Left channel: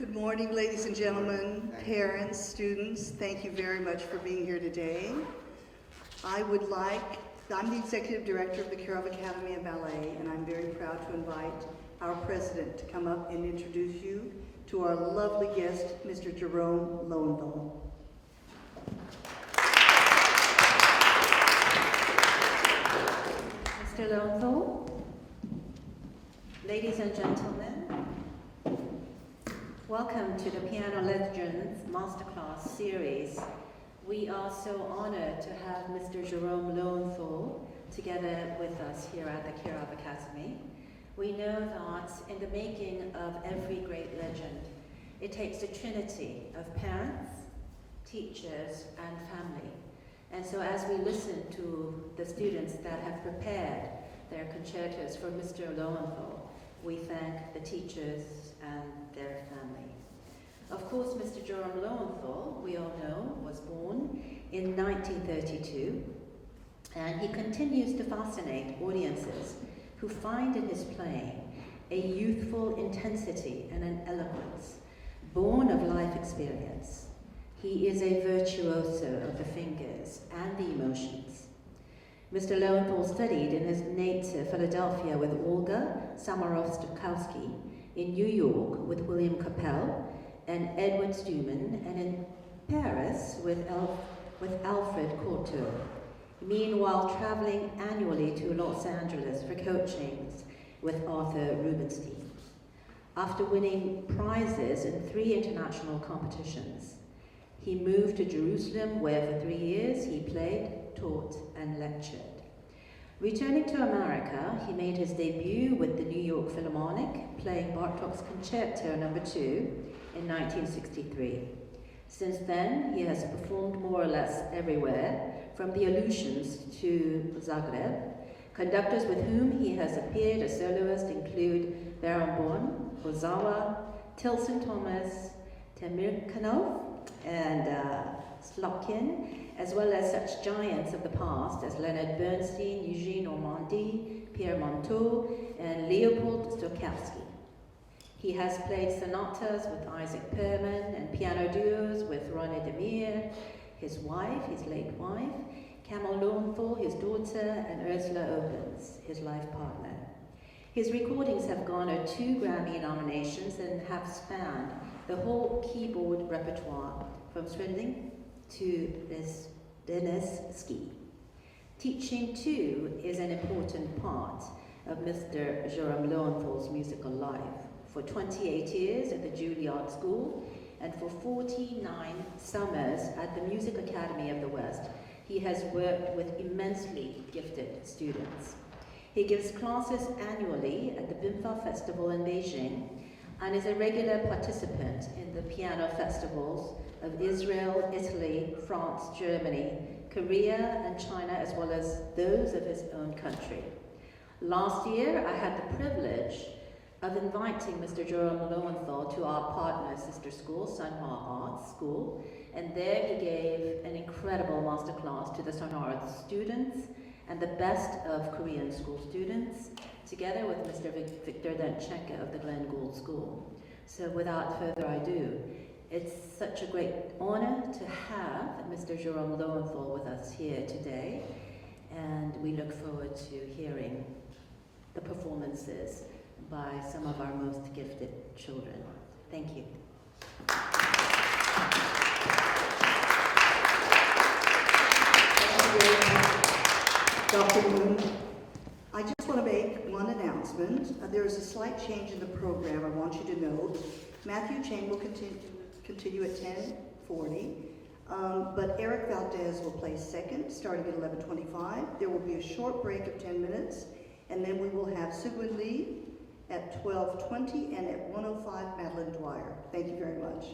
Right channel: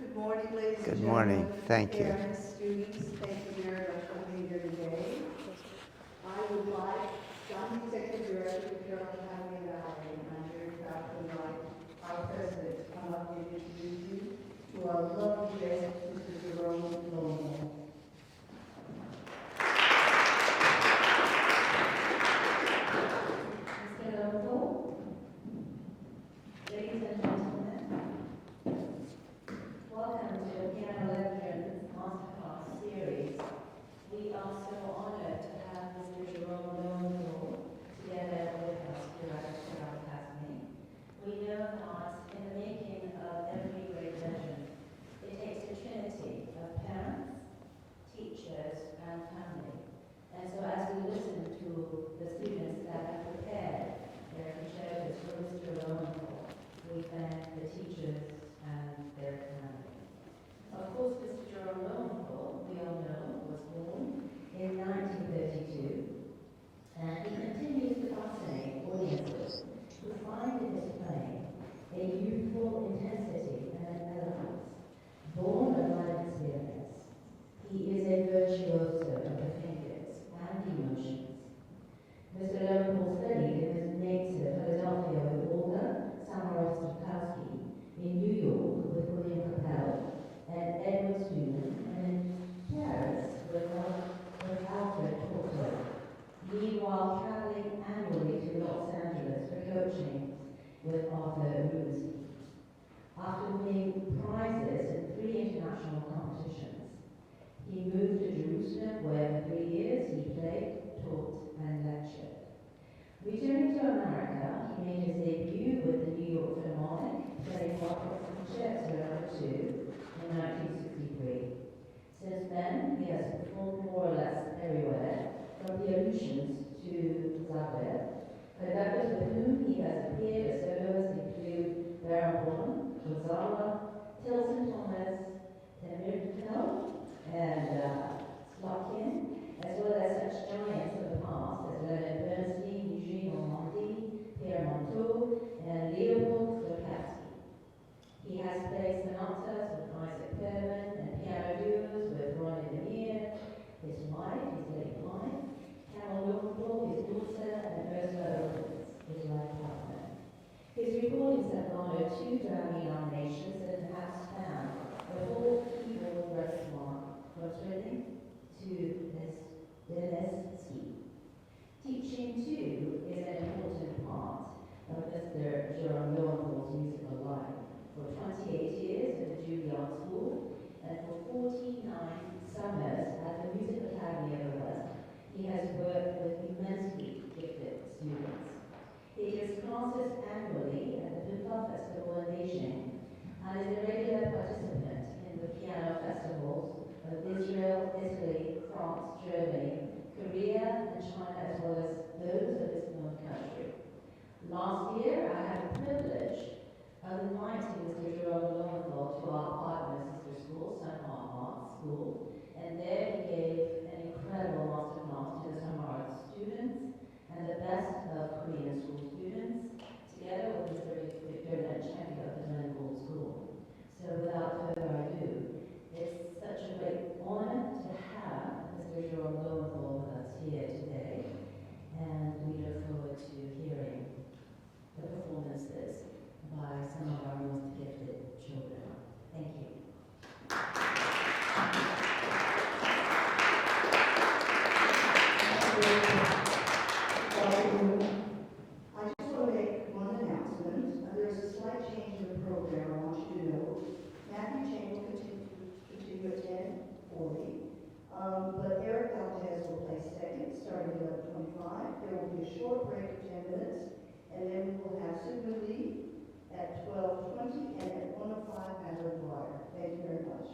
Good morning, ladies and Good morning. gentlemen, Thank you. parents, students. Thank you very much for being here today. I'm the Executive Director of the Kirov Academy of Ballet, and I'm very proud to invite our president to come up and introduce you to our lovely guest, Mr. Jerome Lowenthal. Mr. Lowenthal, ladies and gentlemen, welcome to the Piano Legends Masterclass series. We are so honored to have Mr. Jerome Lowenthal together with us here at the Kirov Academy. We know that in the making of every great legend, it takes a trinity of parents, teachers, and family. And so as we listen to the students that have prepared their concertos for Mr. Lowenthal, we thank the teachers and their family. Of course, Mr. Jerome Lowenthal, we all know, was born in 1932, and he continues to fascinate audiences who find in his playing a youthful intensity and an eloquence born of life experience. He is a virtuoso of the fingers and the emotions. Mr. Lowenthal studied in his native Philadelphia with Olga Samorov-Stokowski, in New York with William Capel and Edward Stuman, and in Paris with Alfred Cortot. Meanwhile, traveling annually to Los Angeles for coachings with Arthur Rubinstein. After winning prizes in 3 international competitions, he moved to Jerusalem, where for 3 years he played, taught, and lectured. Returning to America, he made his debut with the New York Philharmonic, playing Bartók's Concerto No. 2 in 1963. Since then, he has performed more or less everywhere, from the Aleutians to Zagreb. Conductors with whom he has appeared as soloist include Barenboim, Ozawa, Tilson Thomas, Temirkanov, and Slotkin, as well as such giants of the past as Leonard Bernstein, Eugene Ormandy, Pierre Monteux, and Leopold Stokowski. He has played sonatas with Isaac Perman and piano duos with René Demir, his wife, his late wife, Camille Lowenthal, his daughter, and Ursula Opens, his life partner. His recordings have garnered 2 Grammy nominations and have spanned the whole keyboard repertoire, from Swindling to Dennis Ski. Teaching, too, is an important part of Mr. Jerome Lowenthal's musical life. For 28 years at the Juilliard School, and for 49 summers at the Music Academy of the West, he has worked with immensely gifted students. He gives classes annually at the Bimfa Festival in Beijing, and is a regular participant in the piano festivals of Israel, Italy, France, Germany, Korea, and China, as well as those of his own country. Last year, I had the privilege of inviting Mr. Jerome Lowenthal to our partner sister school, Sunhwa Arts School, and there he gave an incredible masterclass to the Sunhwa Arts students and the best of Korean school students, together with Mr. Victor Danchenko of the Glenn Gould School. So without further ado, it's such a great honor to have Mr. Jerome Lowenthal with us here today, and we look forward to hearing the performances by some of our most gifted children. Thank you. Dr. Moon, I just want to make one announcement. There is a slight change in the program I want you to know. Matthew Chang will continue at 10:40, but Eric Valdez will play second, starting at 11:25. There will be a short break of 10 minutes, and then we will have Sugwin Lee at 12:20, and at 1:05, Madeline Dwyer. Thank you very much.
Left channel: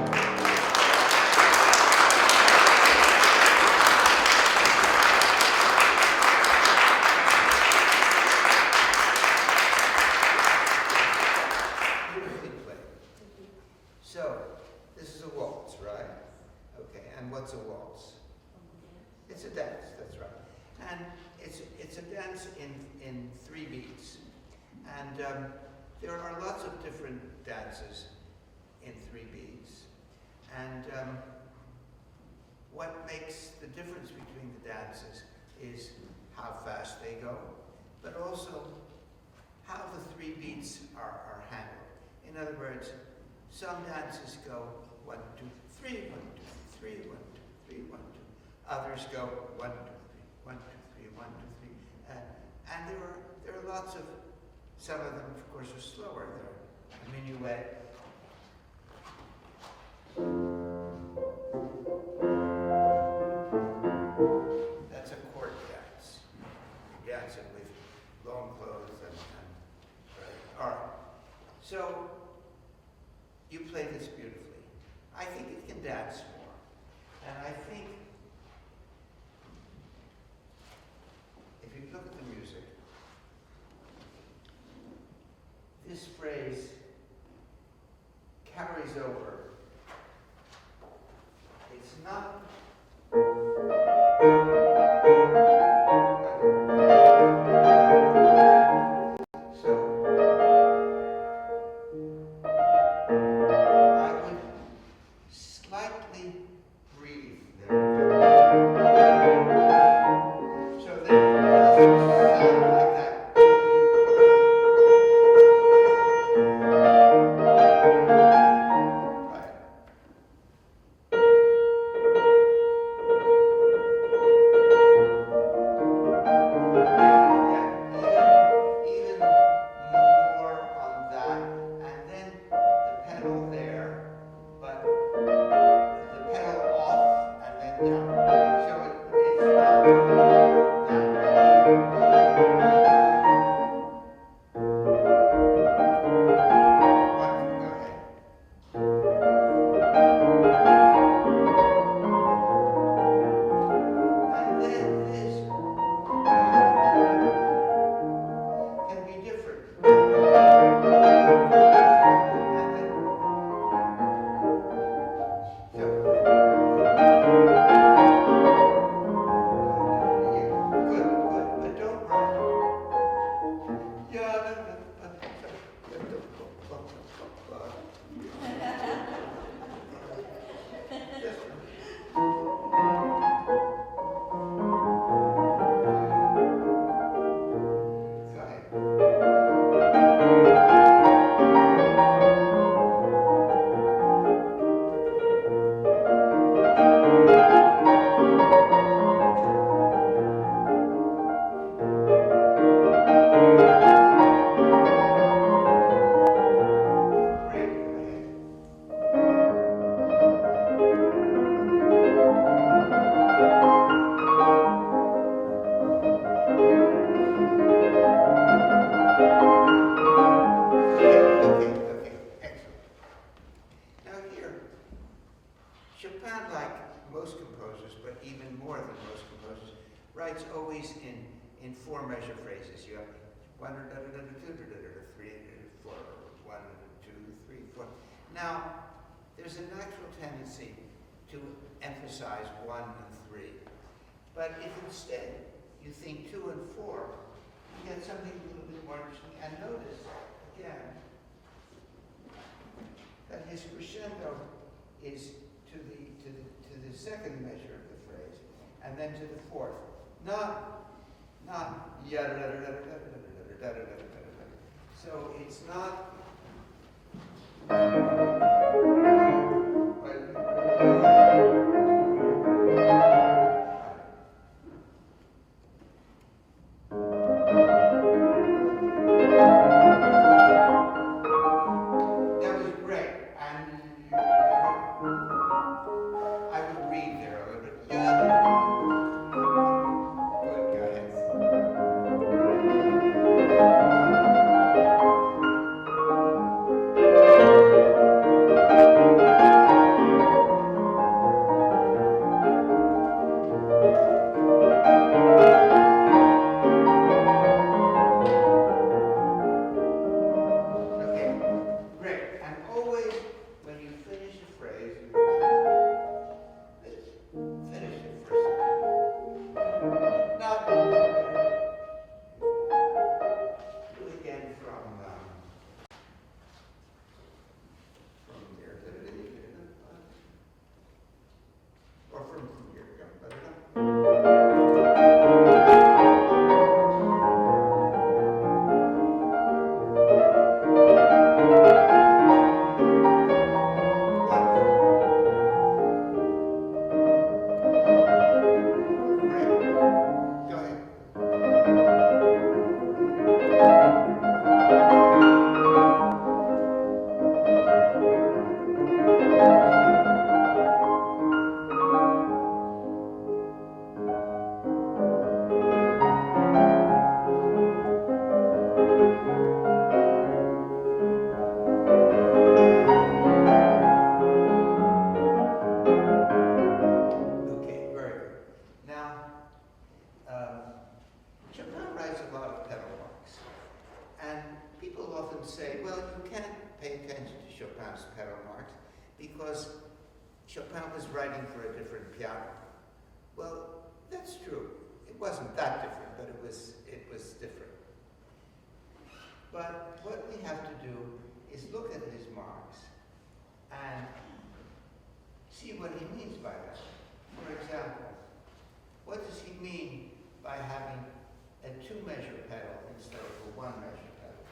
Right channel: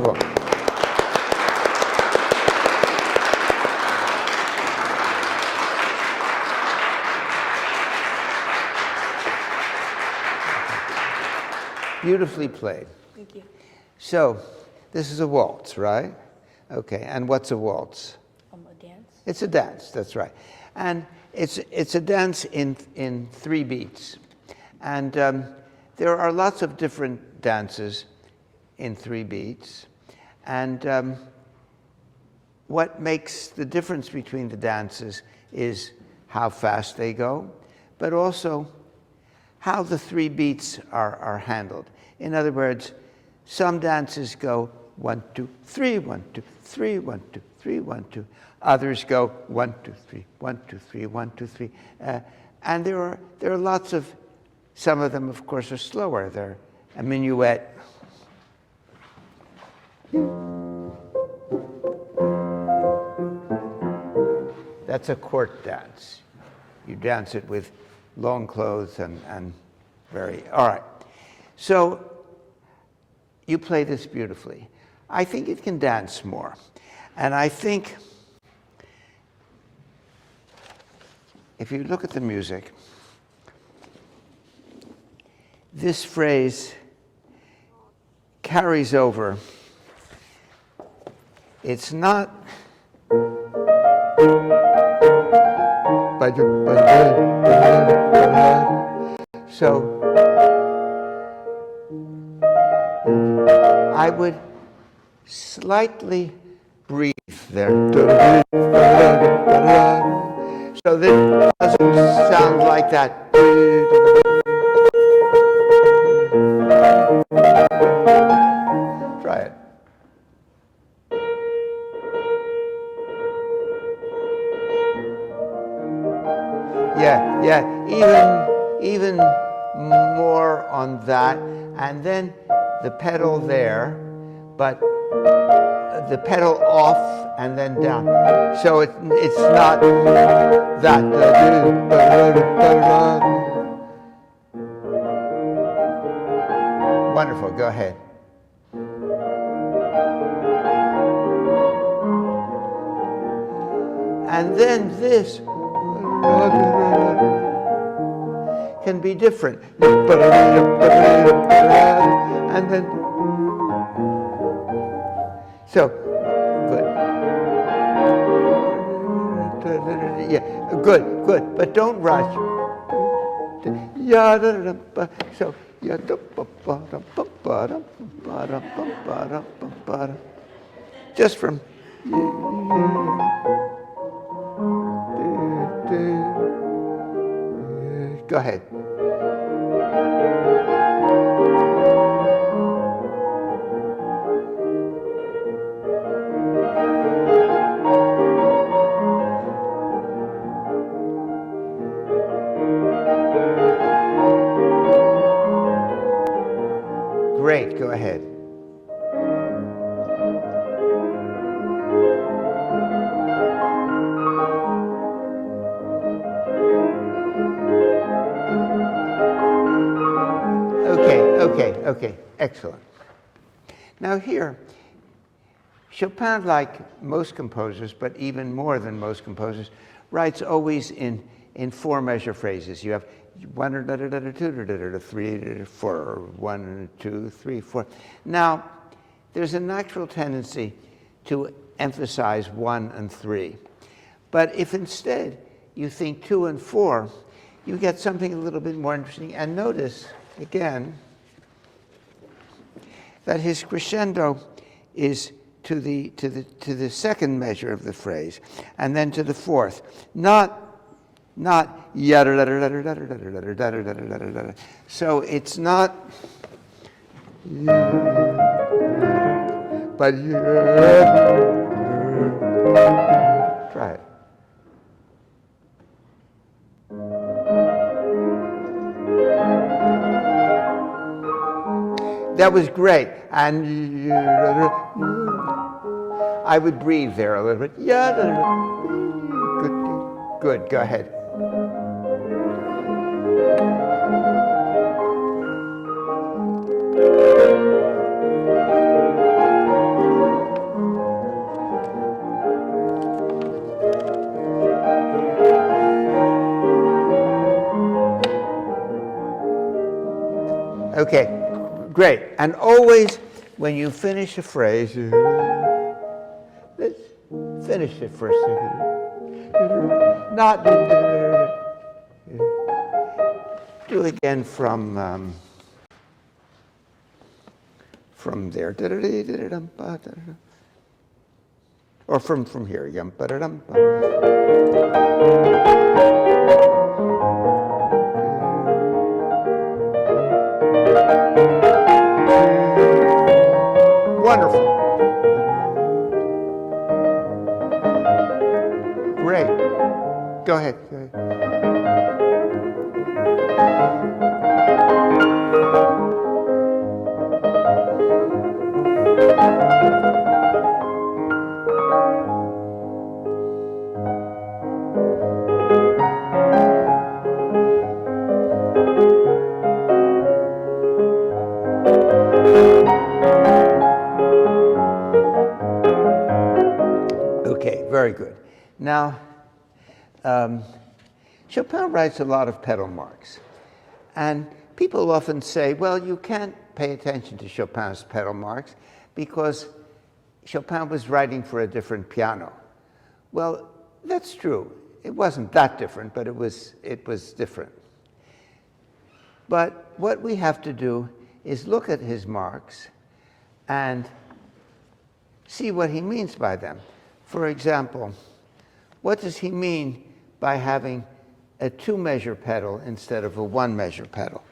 Bravo. Beautifully played. Thank you. So, this is a waltz, right? Okay, and what's a waltz? A dance? It's a dance, that's right. And it's a dance in 3 beats. And there are lots of different dances in 3 beats. And what makes the difference between the dances is how fast they go, but also how the 3 beats are handled. In other words, some dances go 1, 2, 3, 1, 2, 3, 1, 2, 3, 1, 2. Others go 1, 2, 3, 1, 2, 3, 1, 2, 3. And there are lots of, some of them, of course, are slower. They're a minuet. That's a court dance. You dance it with long clothes and very, all right. So you play this beautifully. I think it can dance more. And I think if you look at the music, this phrase carries over. It's not so I would slightly breathe there. So that it doesn't sound like that. Try it. Yeah, even more on that, and then the pedal there, but the pedal off and then down. So it's not that. Wonderful, go ahead. And then this can be different. And then, so, good. Yeah, good, but don't rush. So, just from. Go ahead. Great, go ahead. Okay, excellent. Now here, Chopin, like most composers, but even more than most composers, writes always in 4-measure phrases. You have 1, 2, 3, 4, 1, 2, 3, 4. Now, there's a natural tendency to emphasize 1 and 3. But if instead you think 2 and 4, you get something a little bit more interesting. And notice, again, that his crescendo is to the 2nd measure of the phrase, and then to the 4th. Not so it's not, but try it. That was great, and I would breathe there a little bit. Good, go ahead. Okay, great. And always, when you finish a phrase, finish it first. Not do it again from there, or from here. Wonderful. Great. Go ahead. Okay, very good. Now, Chopin writes a lot of pedal marks. And people often say, well, you can't pay attention to Chopin's pedal marks because Chopin was writing for a different piano. Well, that's true. It wasn't that different, but it was different. But what we have to do is look at his marks and see what he means by them. For example, what does he mean by having a 2-measure pedal instead of a 1-measure pedal?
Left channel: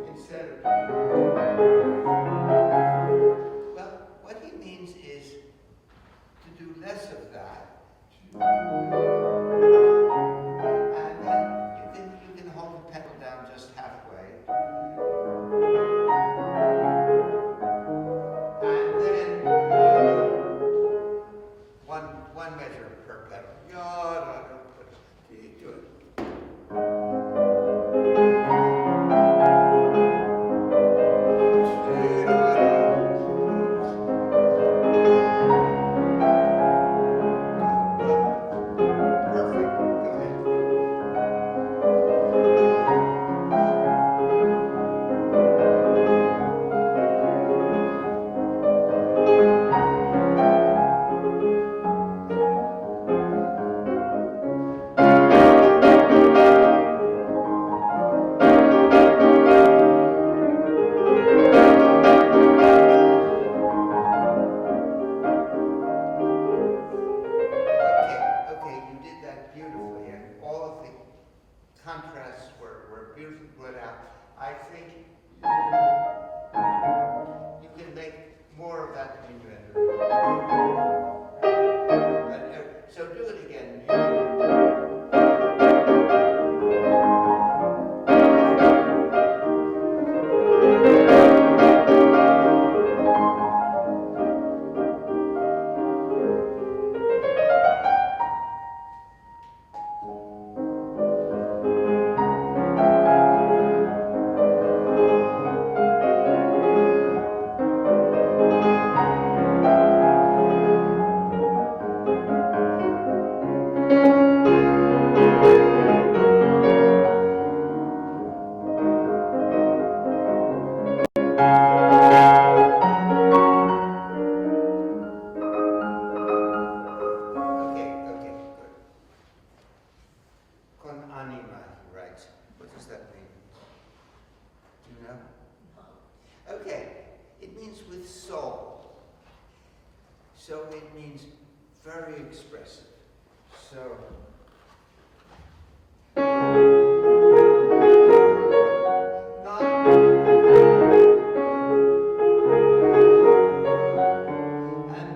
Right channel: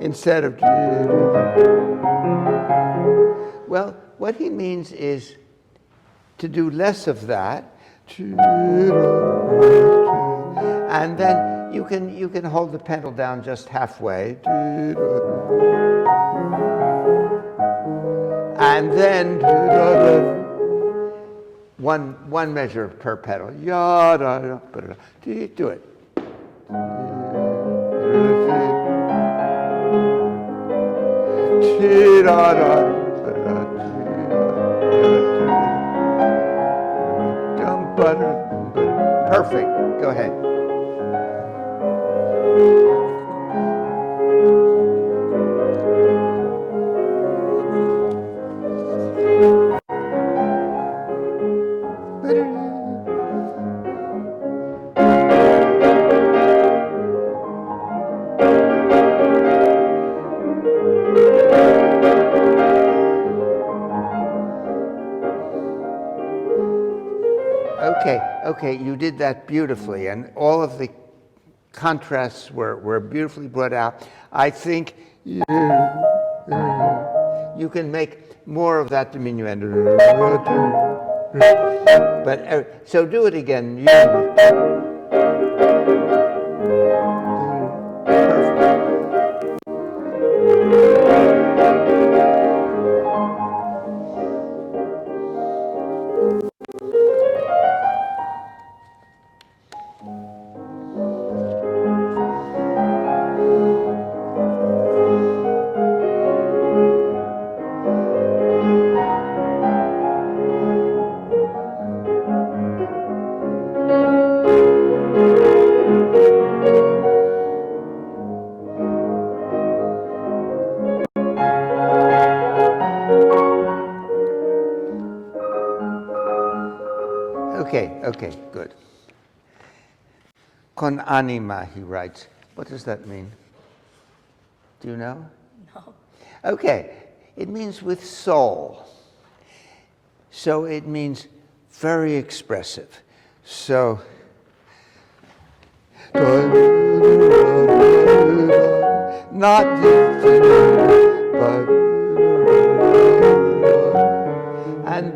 Instead of... Well, what he means is to do less of that, and then you can hold the pedal down just halfway, and then one measure per pedal. Do it. Perfect. Go ahead. Okay, you did that beautifully, and all of the contrasts were beautifully brought out. I think you can make more of that diminuendo. But so do it again. Okay, good. Con anima, he writes. What does that mean? Do you know? No. Okay, it means with soul. So it means very expressive. So, not but and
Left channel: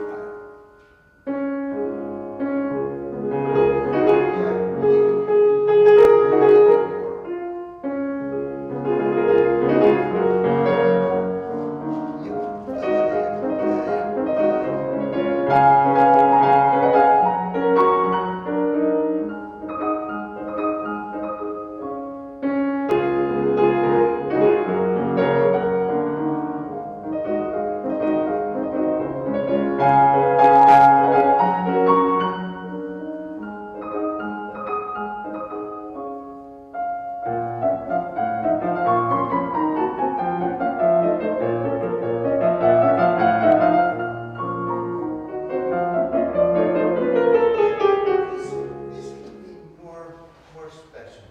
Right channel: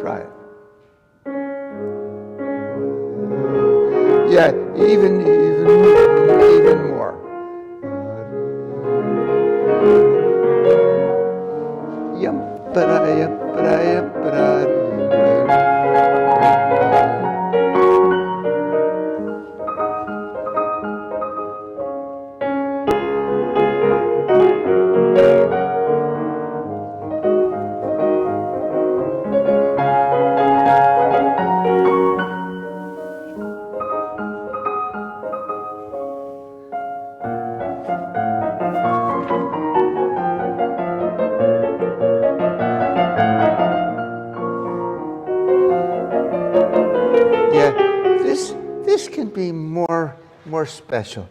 try it. Yeah, even more. more special.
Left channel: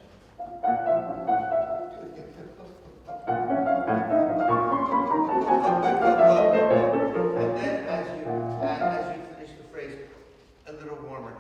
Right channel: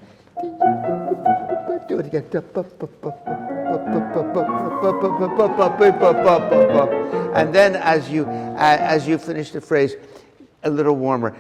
Do it again. And then as you finish the phrase, a little warmer.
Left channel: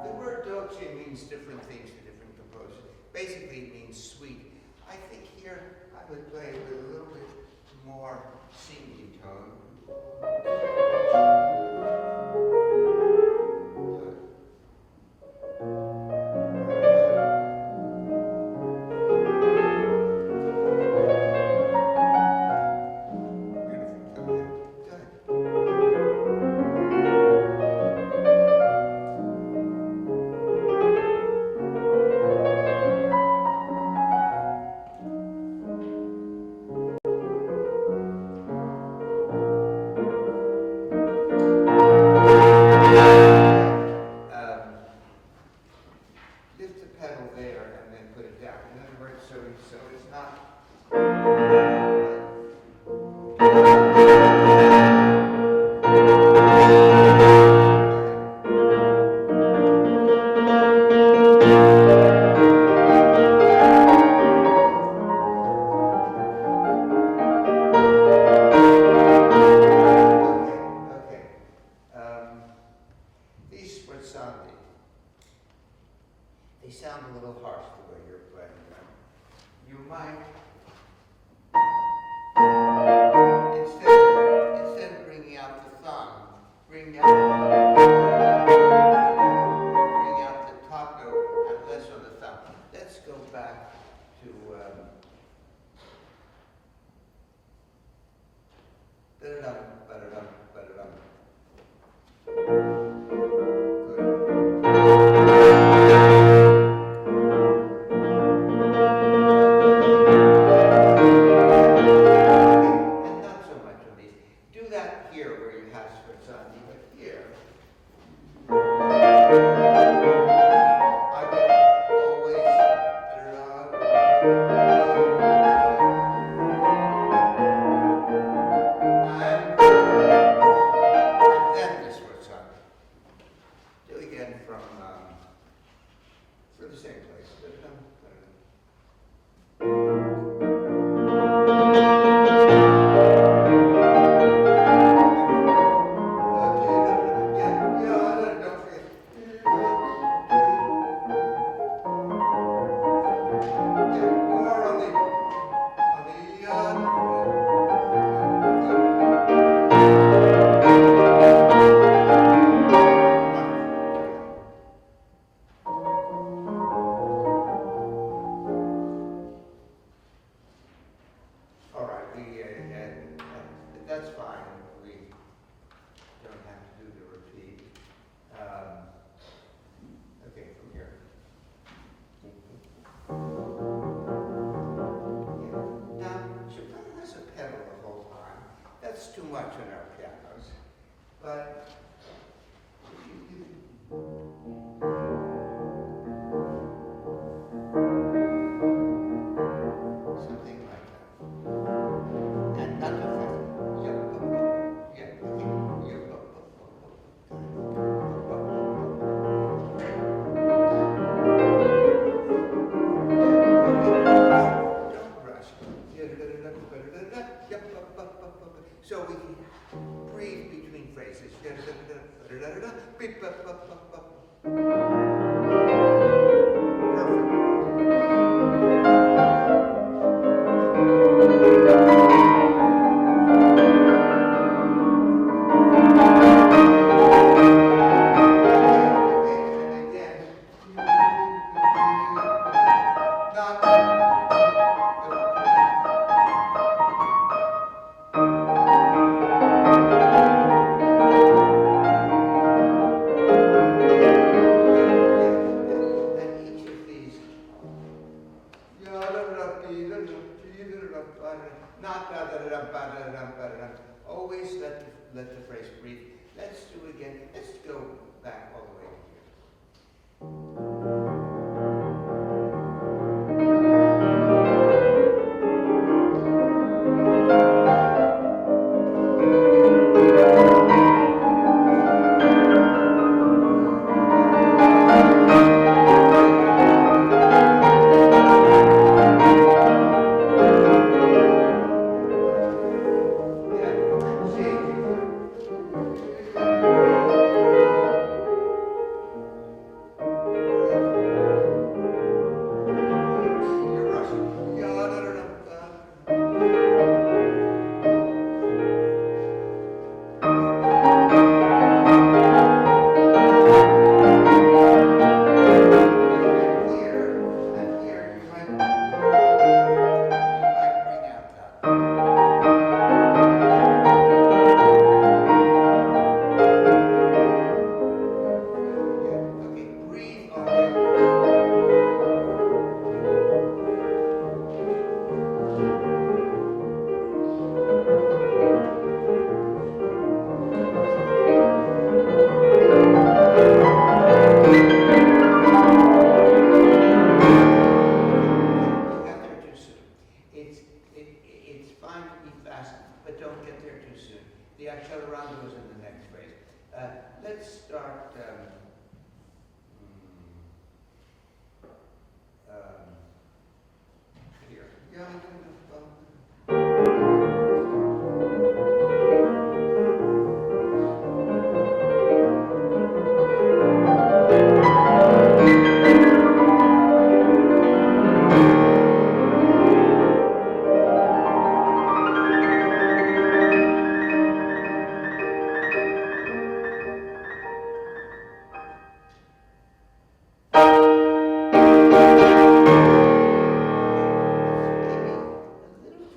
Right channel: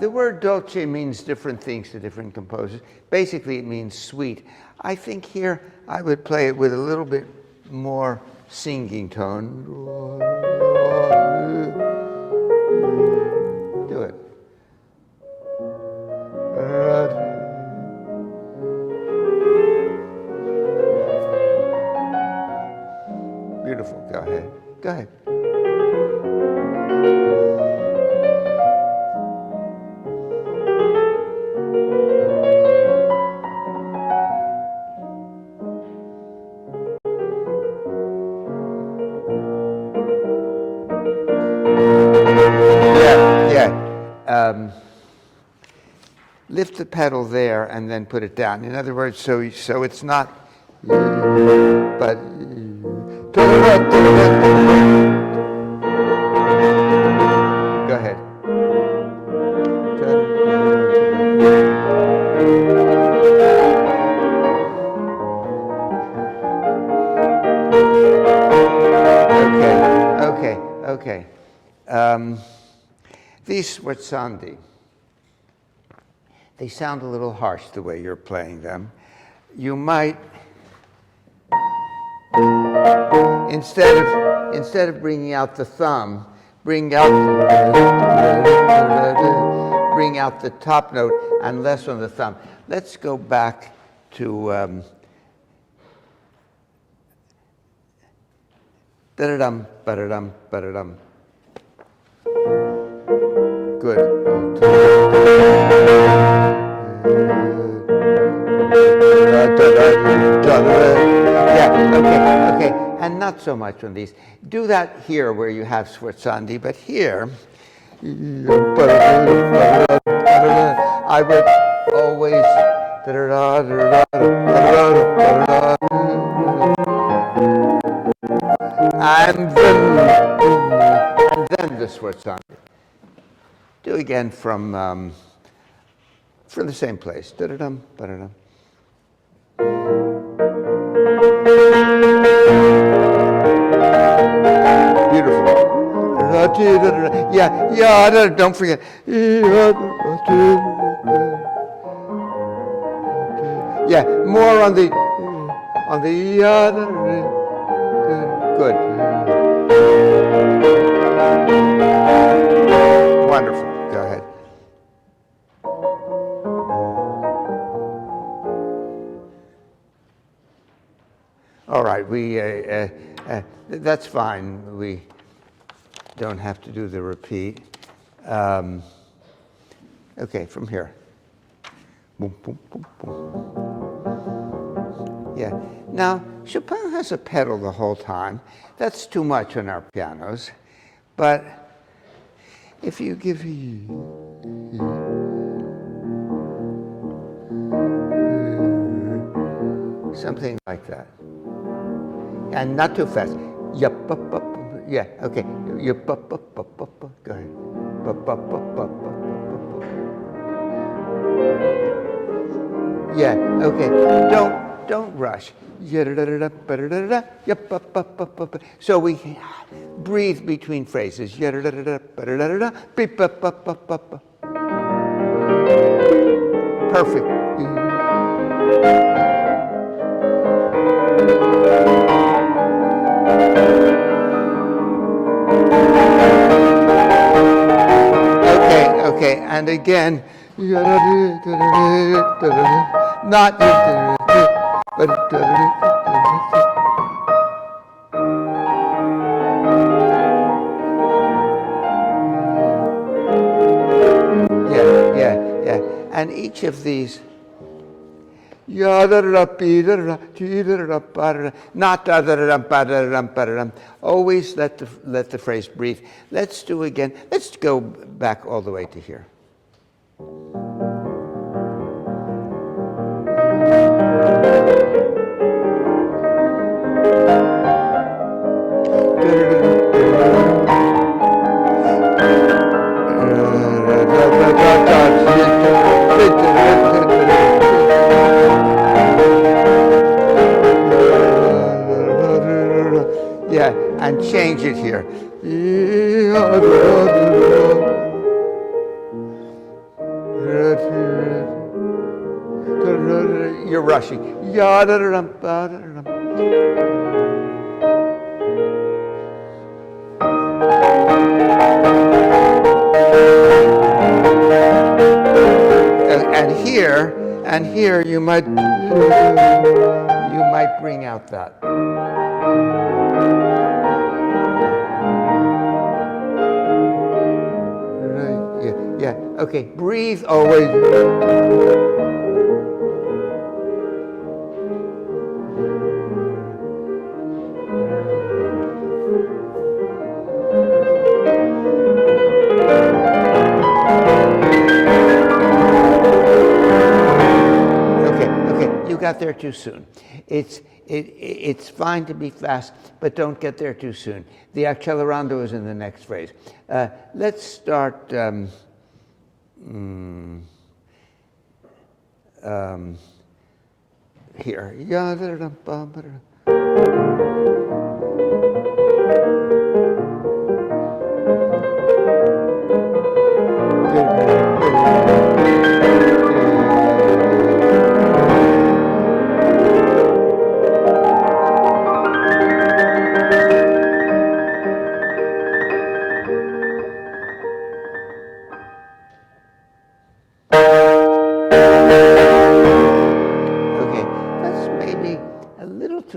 The word dolce means different things to different composers. Basically, it means sweet. I think here I would play it with a little bit more singing tone. Do it. Beautiful. Go ahead. Go ahead. Lift the pedal there and then put it down. In other words, so it's not, but go ahead. Okay. These sforzandi, they sound a little harsh the way you're playing them. You might, instead of bringing out the thumb, bring out the top note and less on the thumb. Let's go back to da-da-dum, ba-da-dum, ba-da-dum. Good. Yeah, okay. And not so much on these. Do that here where you have sforzandi, but here, I would always, and then the sforzandi. Do again from the same place. Da-da-dum, ba-da-dum. Beautiful. Yeah, don't forget. Yeah, more on the good. Wonderful. Go ahead. All right, that's fine. We don't have to do the repeat. Okay, from here. Boom, boom, boom, boom. Yeah. Now, Chopin has a pedal the whole time. That's too much on our pianos. But if you give something like that. And not too fast. Yup, up, up. Yeah, okay. Yup, up, up, up, up. Go ahead. Up, up, up, up. Yeah, okay. Don't rush. So we breathe between phrases. Perfect. Okay, and again, not but yeah. And each of these, not always let the phrase breathe. Let's do again. Let's go back all the way to here. Yeah, and change it here. You're rushing. And here you might bring out that. Right. Yeah. Okay. Breathe always. Got there too soon. It's fine to be fast, but don't get there too soon. The accelerando is in the next phrase. Let's start here.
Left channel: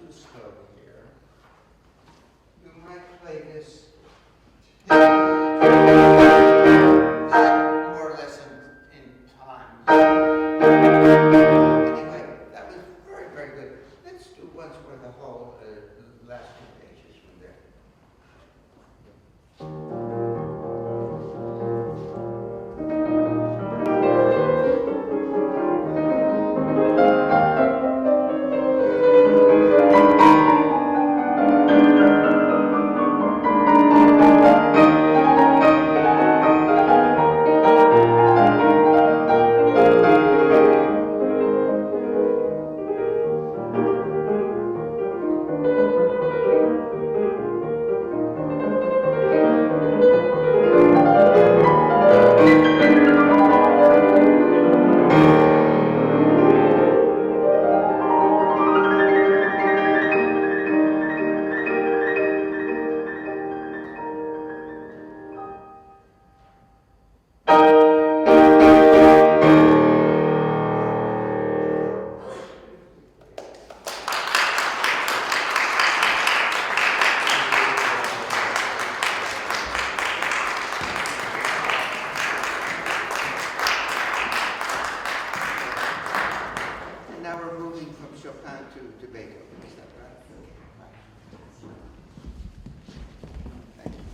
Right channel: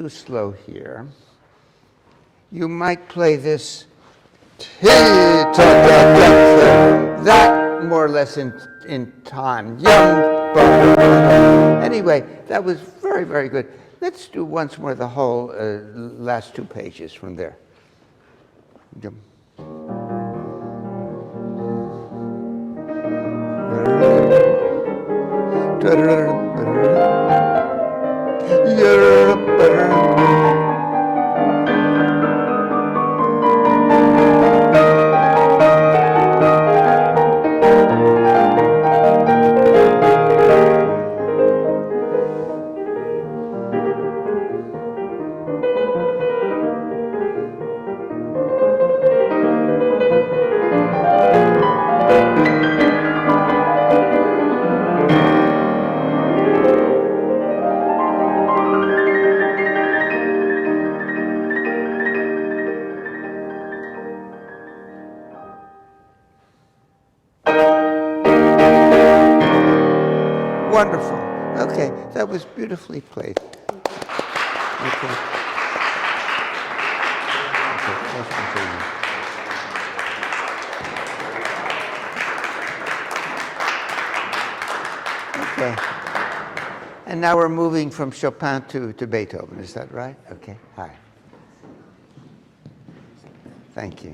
Slow here. You might play this that more or less in time. Anyway, that was very, very good. Let's do once more the whole last two pages from there. Wonderful. Okay, that was beautifully played. Okay. Okay. And now we're moving from Chopin to Beethoven, is that right? Okay, hi. Thank you.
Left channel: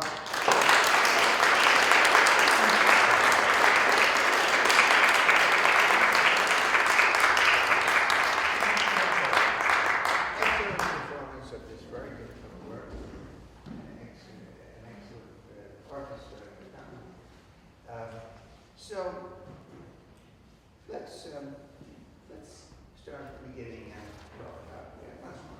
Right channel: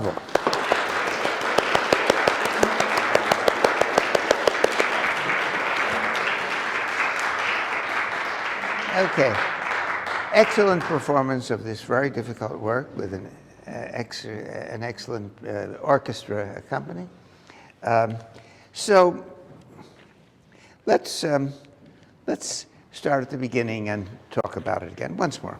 problem. Okay. Excellent performance of this very difficult work with an excellent orchestra accompany. So let's start at the beginning and talk about it again once more.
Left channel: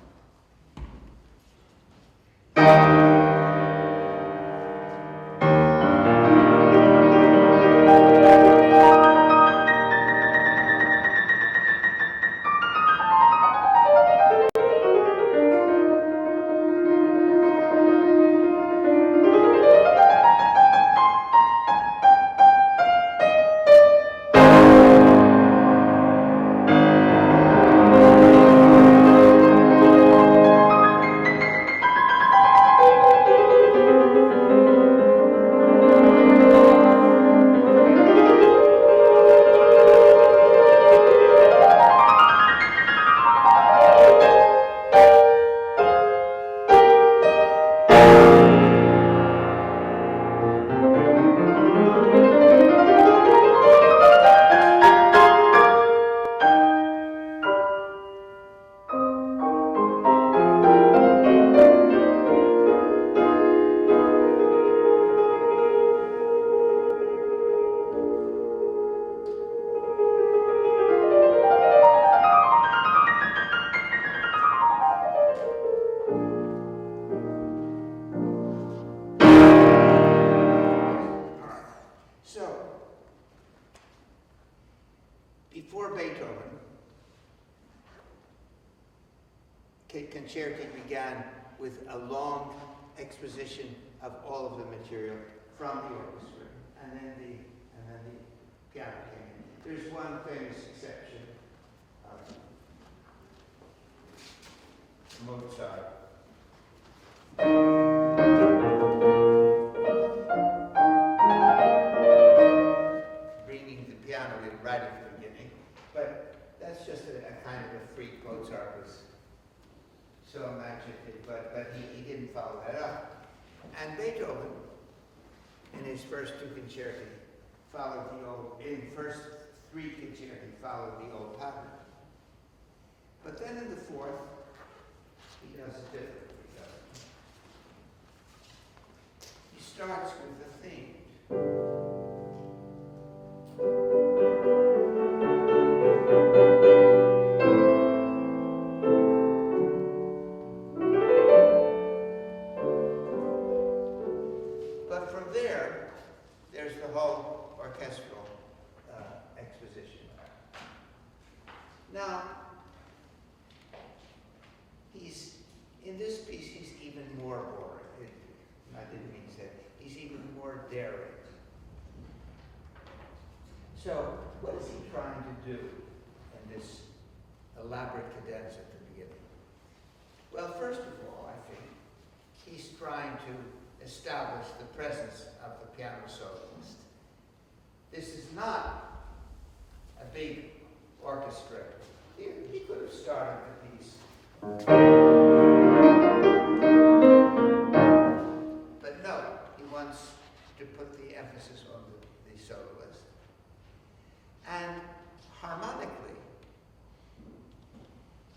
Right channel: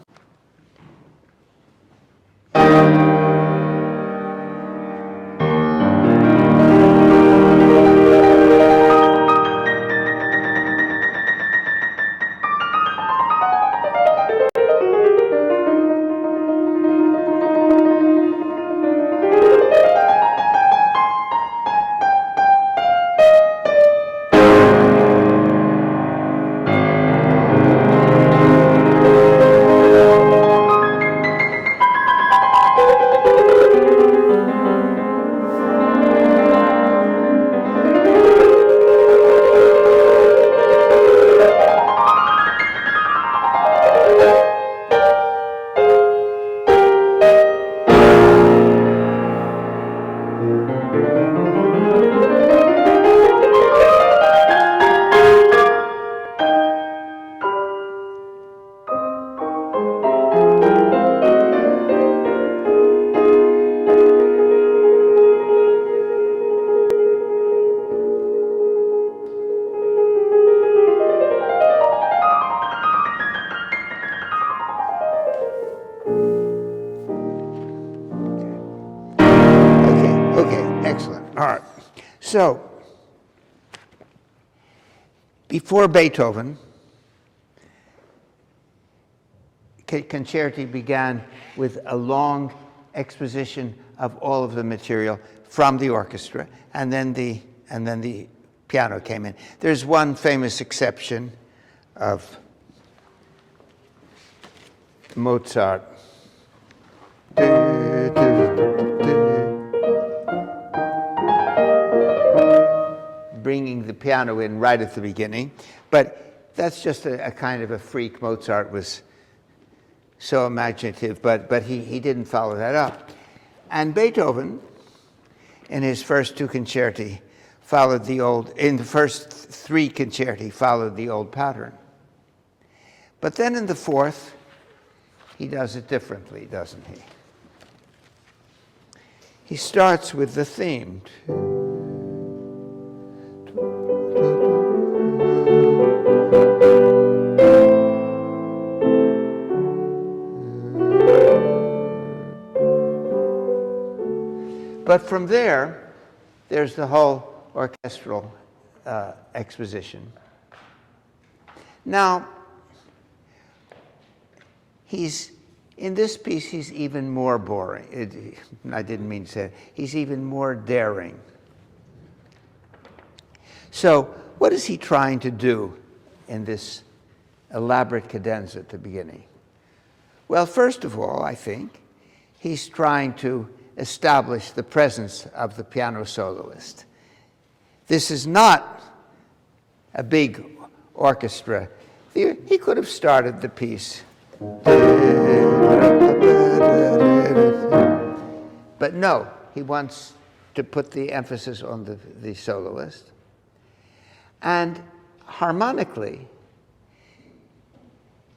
So, before Beethoven, concerti began with a long exposition of all of the material from the orchestra, and then the piano came in. There's one famous exception of Mozart. Bringing the piano in right at the beginning, but that's just a kind of a freak. Mozart was so imaginative, but he didn't follow that up. And Beethoven, in his first two concerti, followed the old, in the first three concerti, followed the old pattern. But then in the fourth, he does it differently, doesn't he? He starts with the theme. But from there's the whole orchestral exposition. Now, in this piece, he's even more boring. I didn't mean to say it. He's even more daring. So, what is he trying to do in this elaborate cadenza at the beginning? Well, first of all, I think he's trying to establish the presence of the piano soloist. This is not a big orchestra. He could have started the piece. But no, he wants to put the emphasis on the soloist. And harmonically,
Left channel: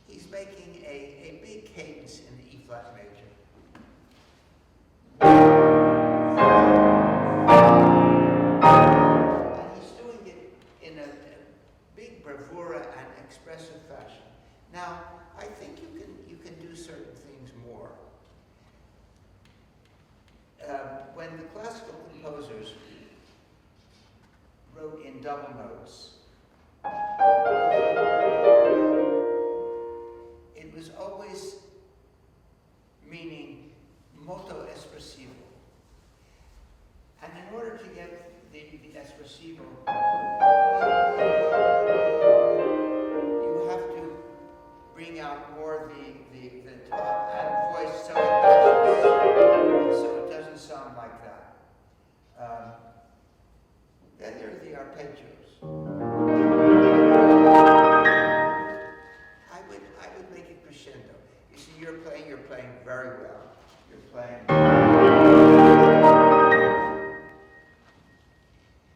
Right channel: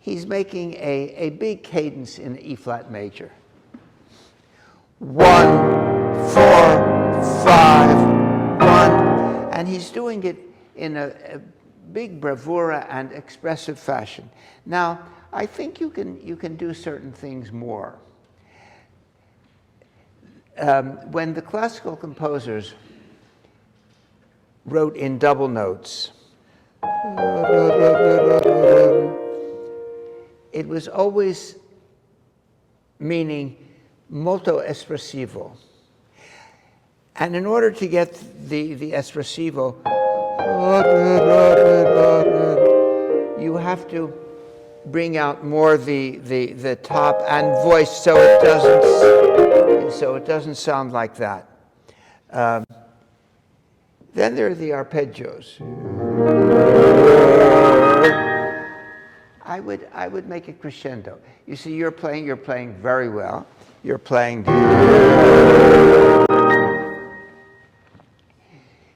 he's making a big cadence in E-flat major. 1, 4, 5, 1. And he's doing it in a big bravura and expressive fashion. Now, I think you can do certain things more. When the classical composers wrote in double notes, it was always meaning molto espressivo. And in order to get the espressivo, you have to bring out more the top and voice so it doesn't sound like that. Then there are the arpeggios. I would make it crescendo. You see, you're playing very well. you're playing.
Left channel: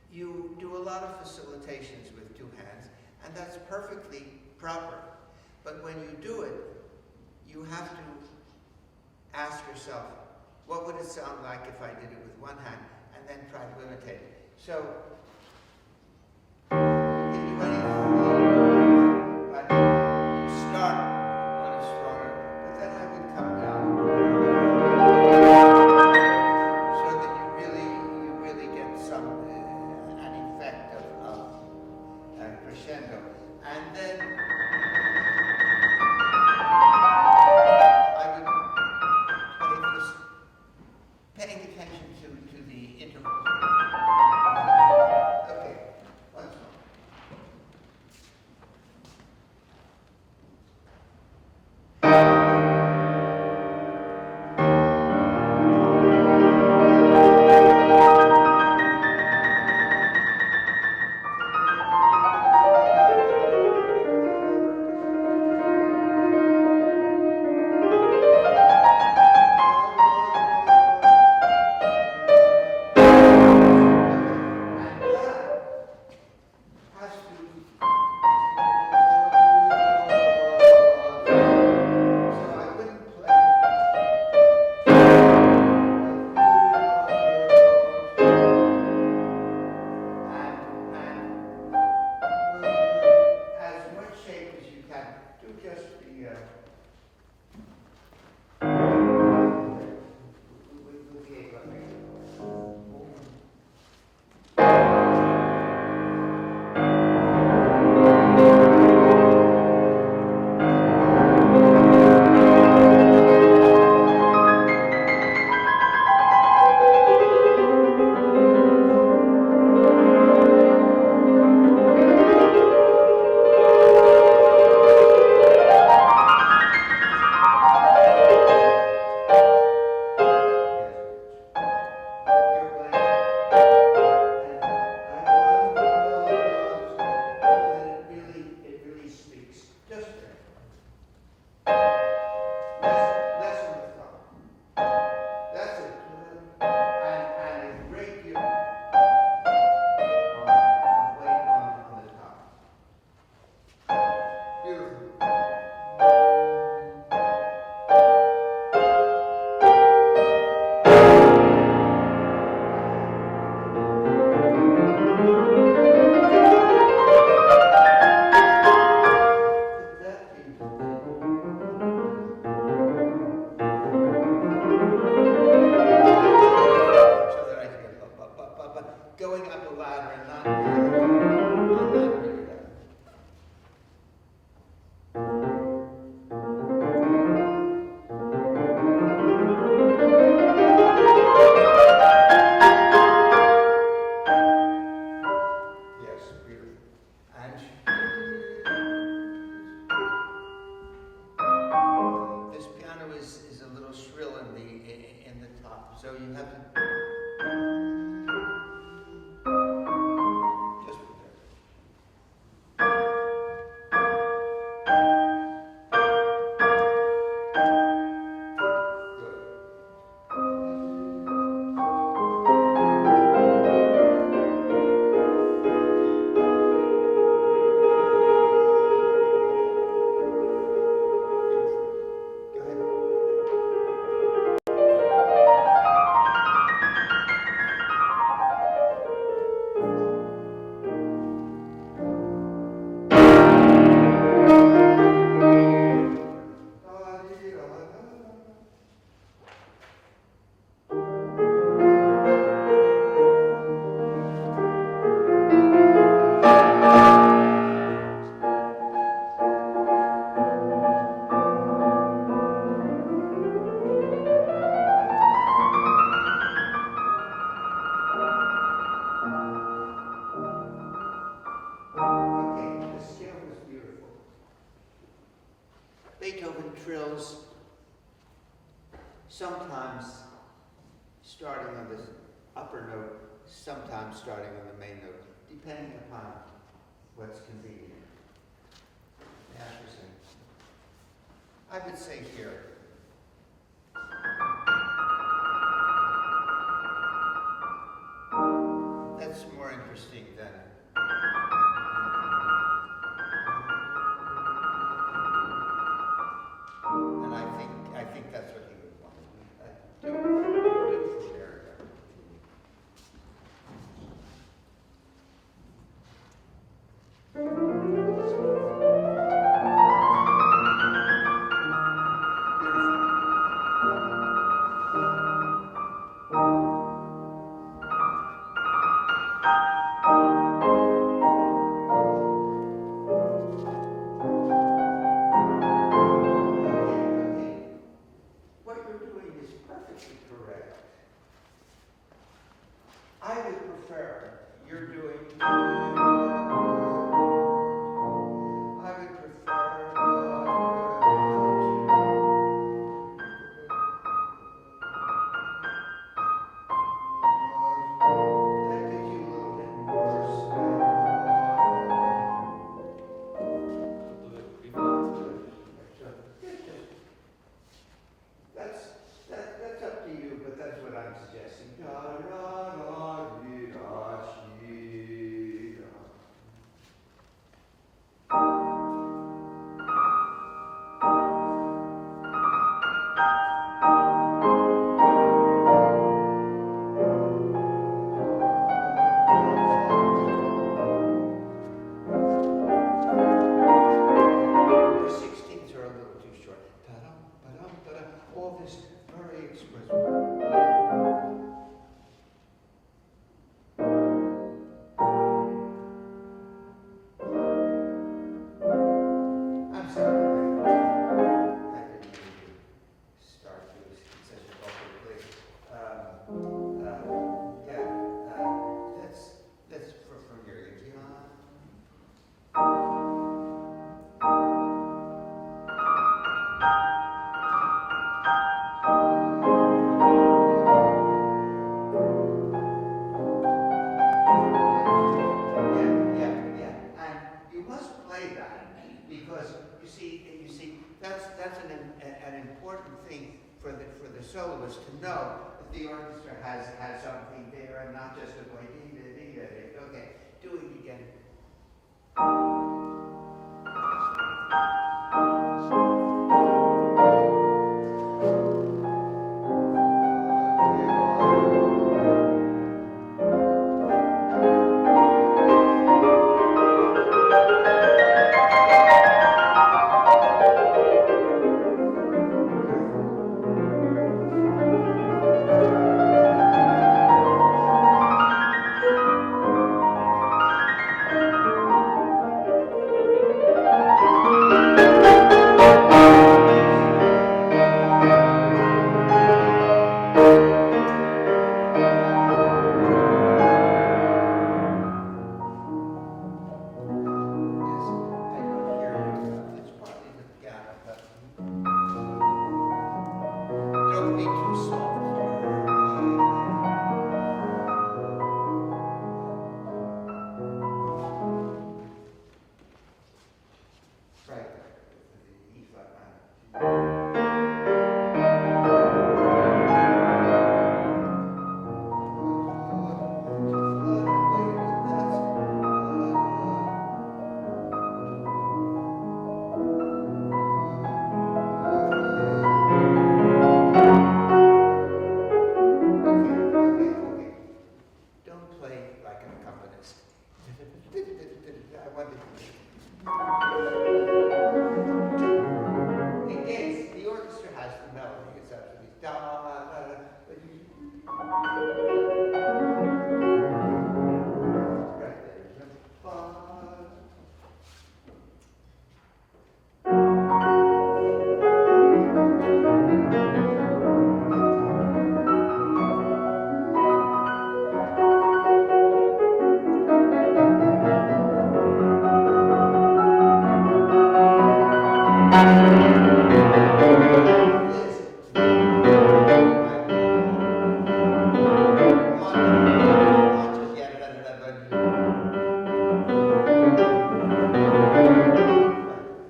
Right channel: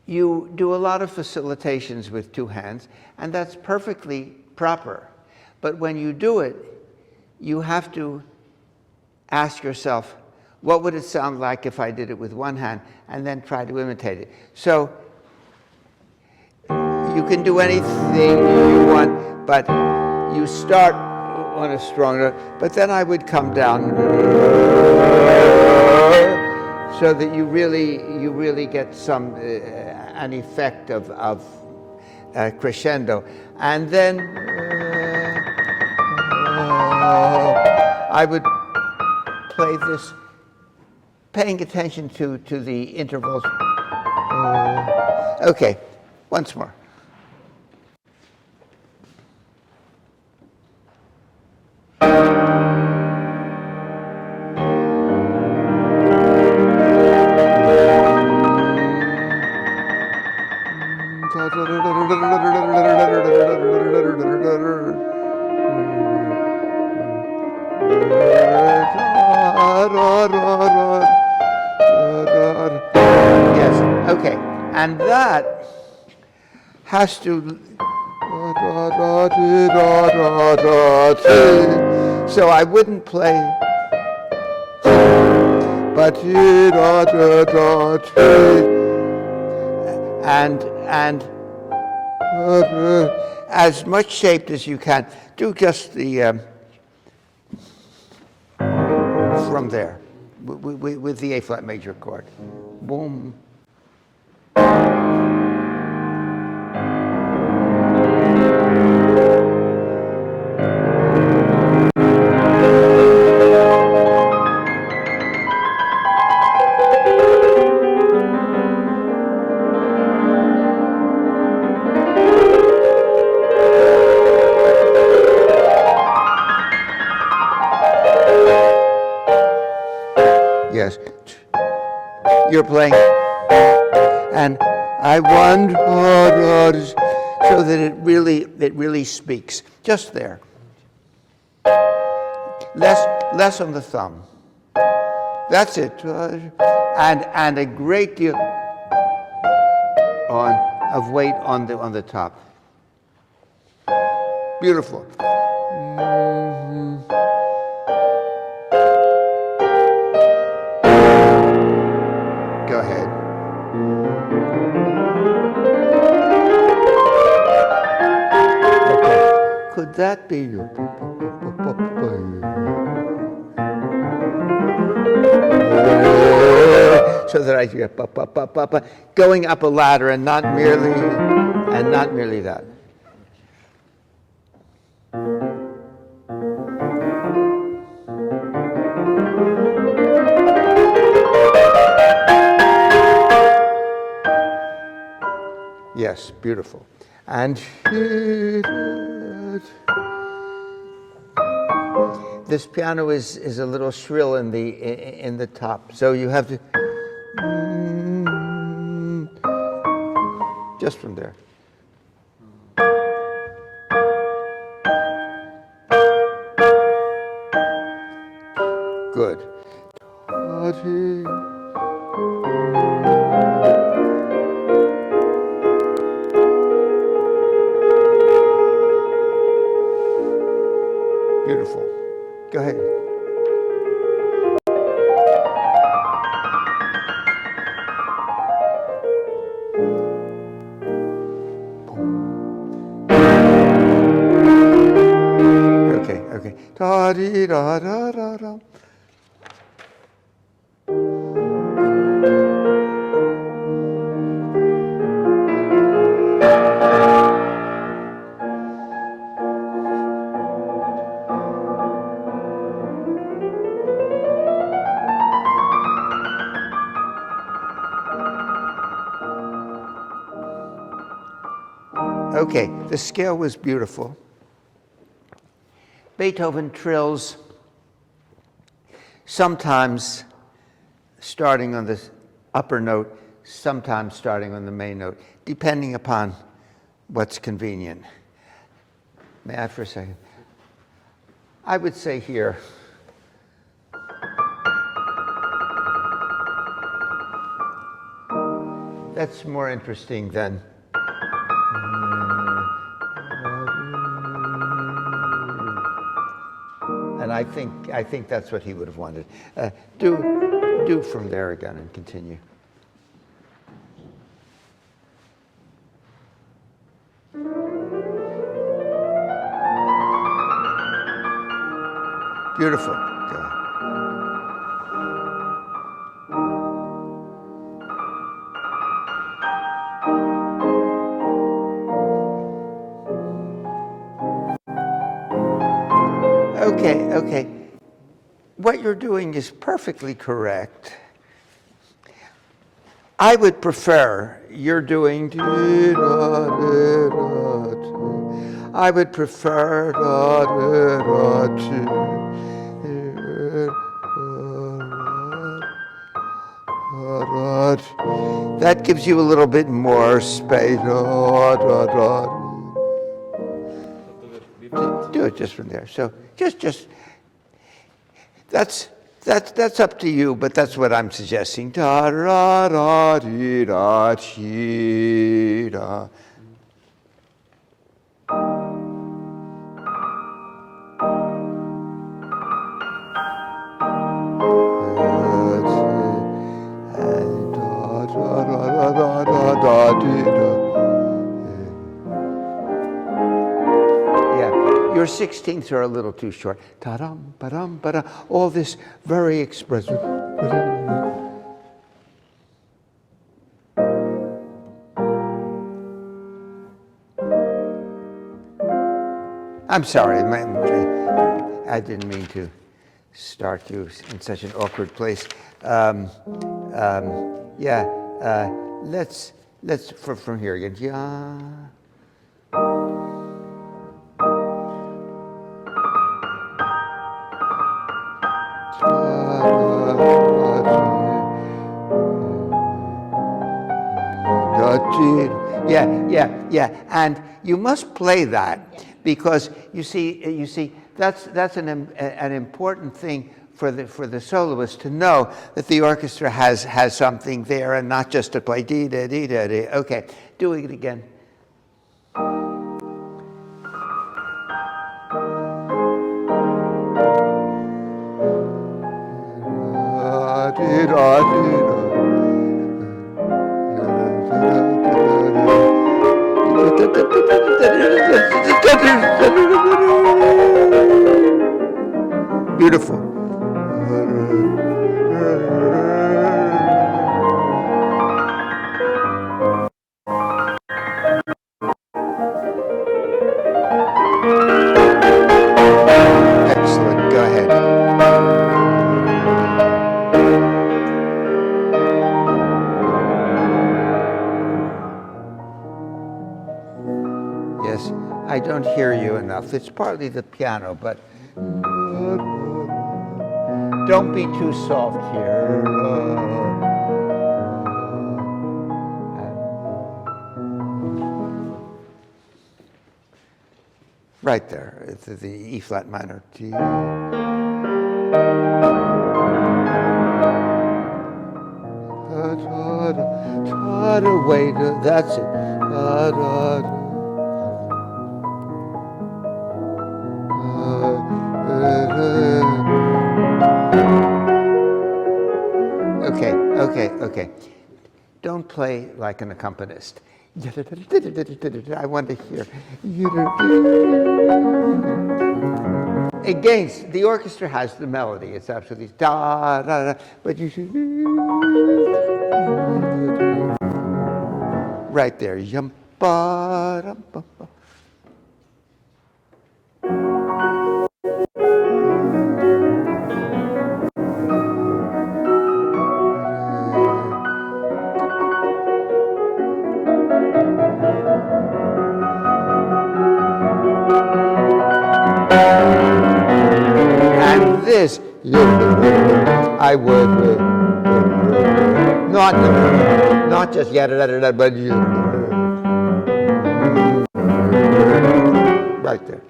You do a lot of facilitations with two hands, and that's perfectly proper. But when you do it, you have to ask yourself, what would it sound like if I did it with one hand, and then try to imitate it? So you can do anything you want, but you start on a strong note, but then I would come down so that you really get some an effect of crescendo, and then I would play this, paying attention to the intervals. Okay, once more. Yes, okay, and that has to, so I wouldn't play, but and as much shaped as you can. Do just the from there with the A flat major chord. Boom. Yes, you're playing, and I wonder, so that it really speaks. Just there. Less on the thumb. That's it, and a great deal of weight on the top. Beautiful. Go ahead. Okay. Could that be you? So that I hear going up a ladder and not merely that. Yes, beautiful. And this piano is a little shrill in the top, so you have to just from there. Good. Beautiful. Go ahead. Okay. Da dee da da da da. Okay, the scale was beautiful. Beethoven trills, sometimes starting on the upper note, sometimes starting on the main note, depending upon what's convenient. May I for a second? I would say here. that's more interesting than. And I think that's what he would have wanted. Do from there again and continue. Beautiful. Good. Okay. What you're doing is perfectly correct. I would prefer you're doing. I would prefer. That gives you a little bit more space. Do it just from there. So just that's up to you, but that's what I'm suggesting. Da da da dee da dee da. Your 16ths are a little too short. Ta-dum, ba-dum, ba-dum. All this very expressive. I'm sorry, I didn't mean to start you in such an awkward place. Let's from here again. Yeah. Yeah, and you must play that because you see that's an important thing for the soloist to know that the orchestra has something there and not just to play dee da dee da dee. Okay, doing it again. Beautiful. Excellent. Go ahead. Yes, I don't hear you enough. It's partly the piano, but don't be too soft here. Right there, it's the E flat minor. Wait, that's it. Okay. Don't play like an accompanist. I want to hear. Against the orchestra has the melody. It's absolutely da da da. But you should right there. Yum ba dum ba ba. And this, I would not just yada but right there.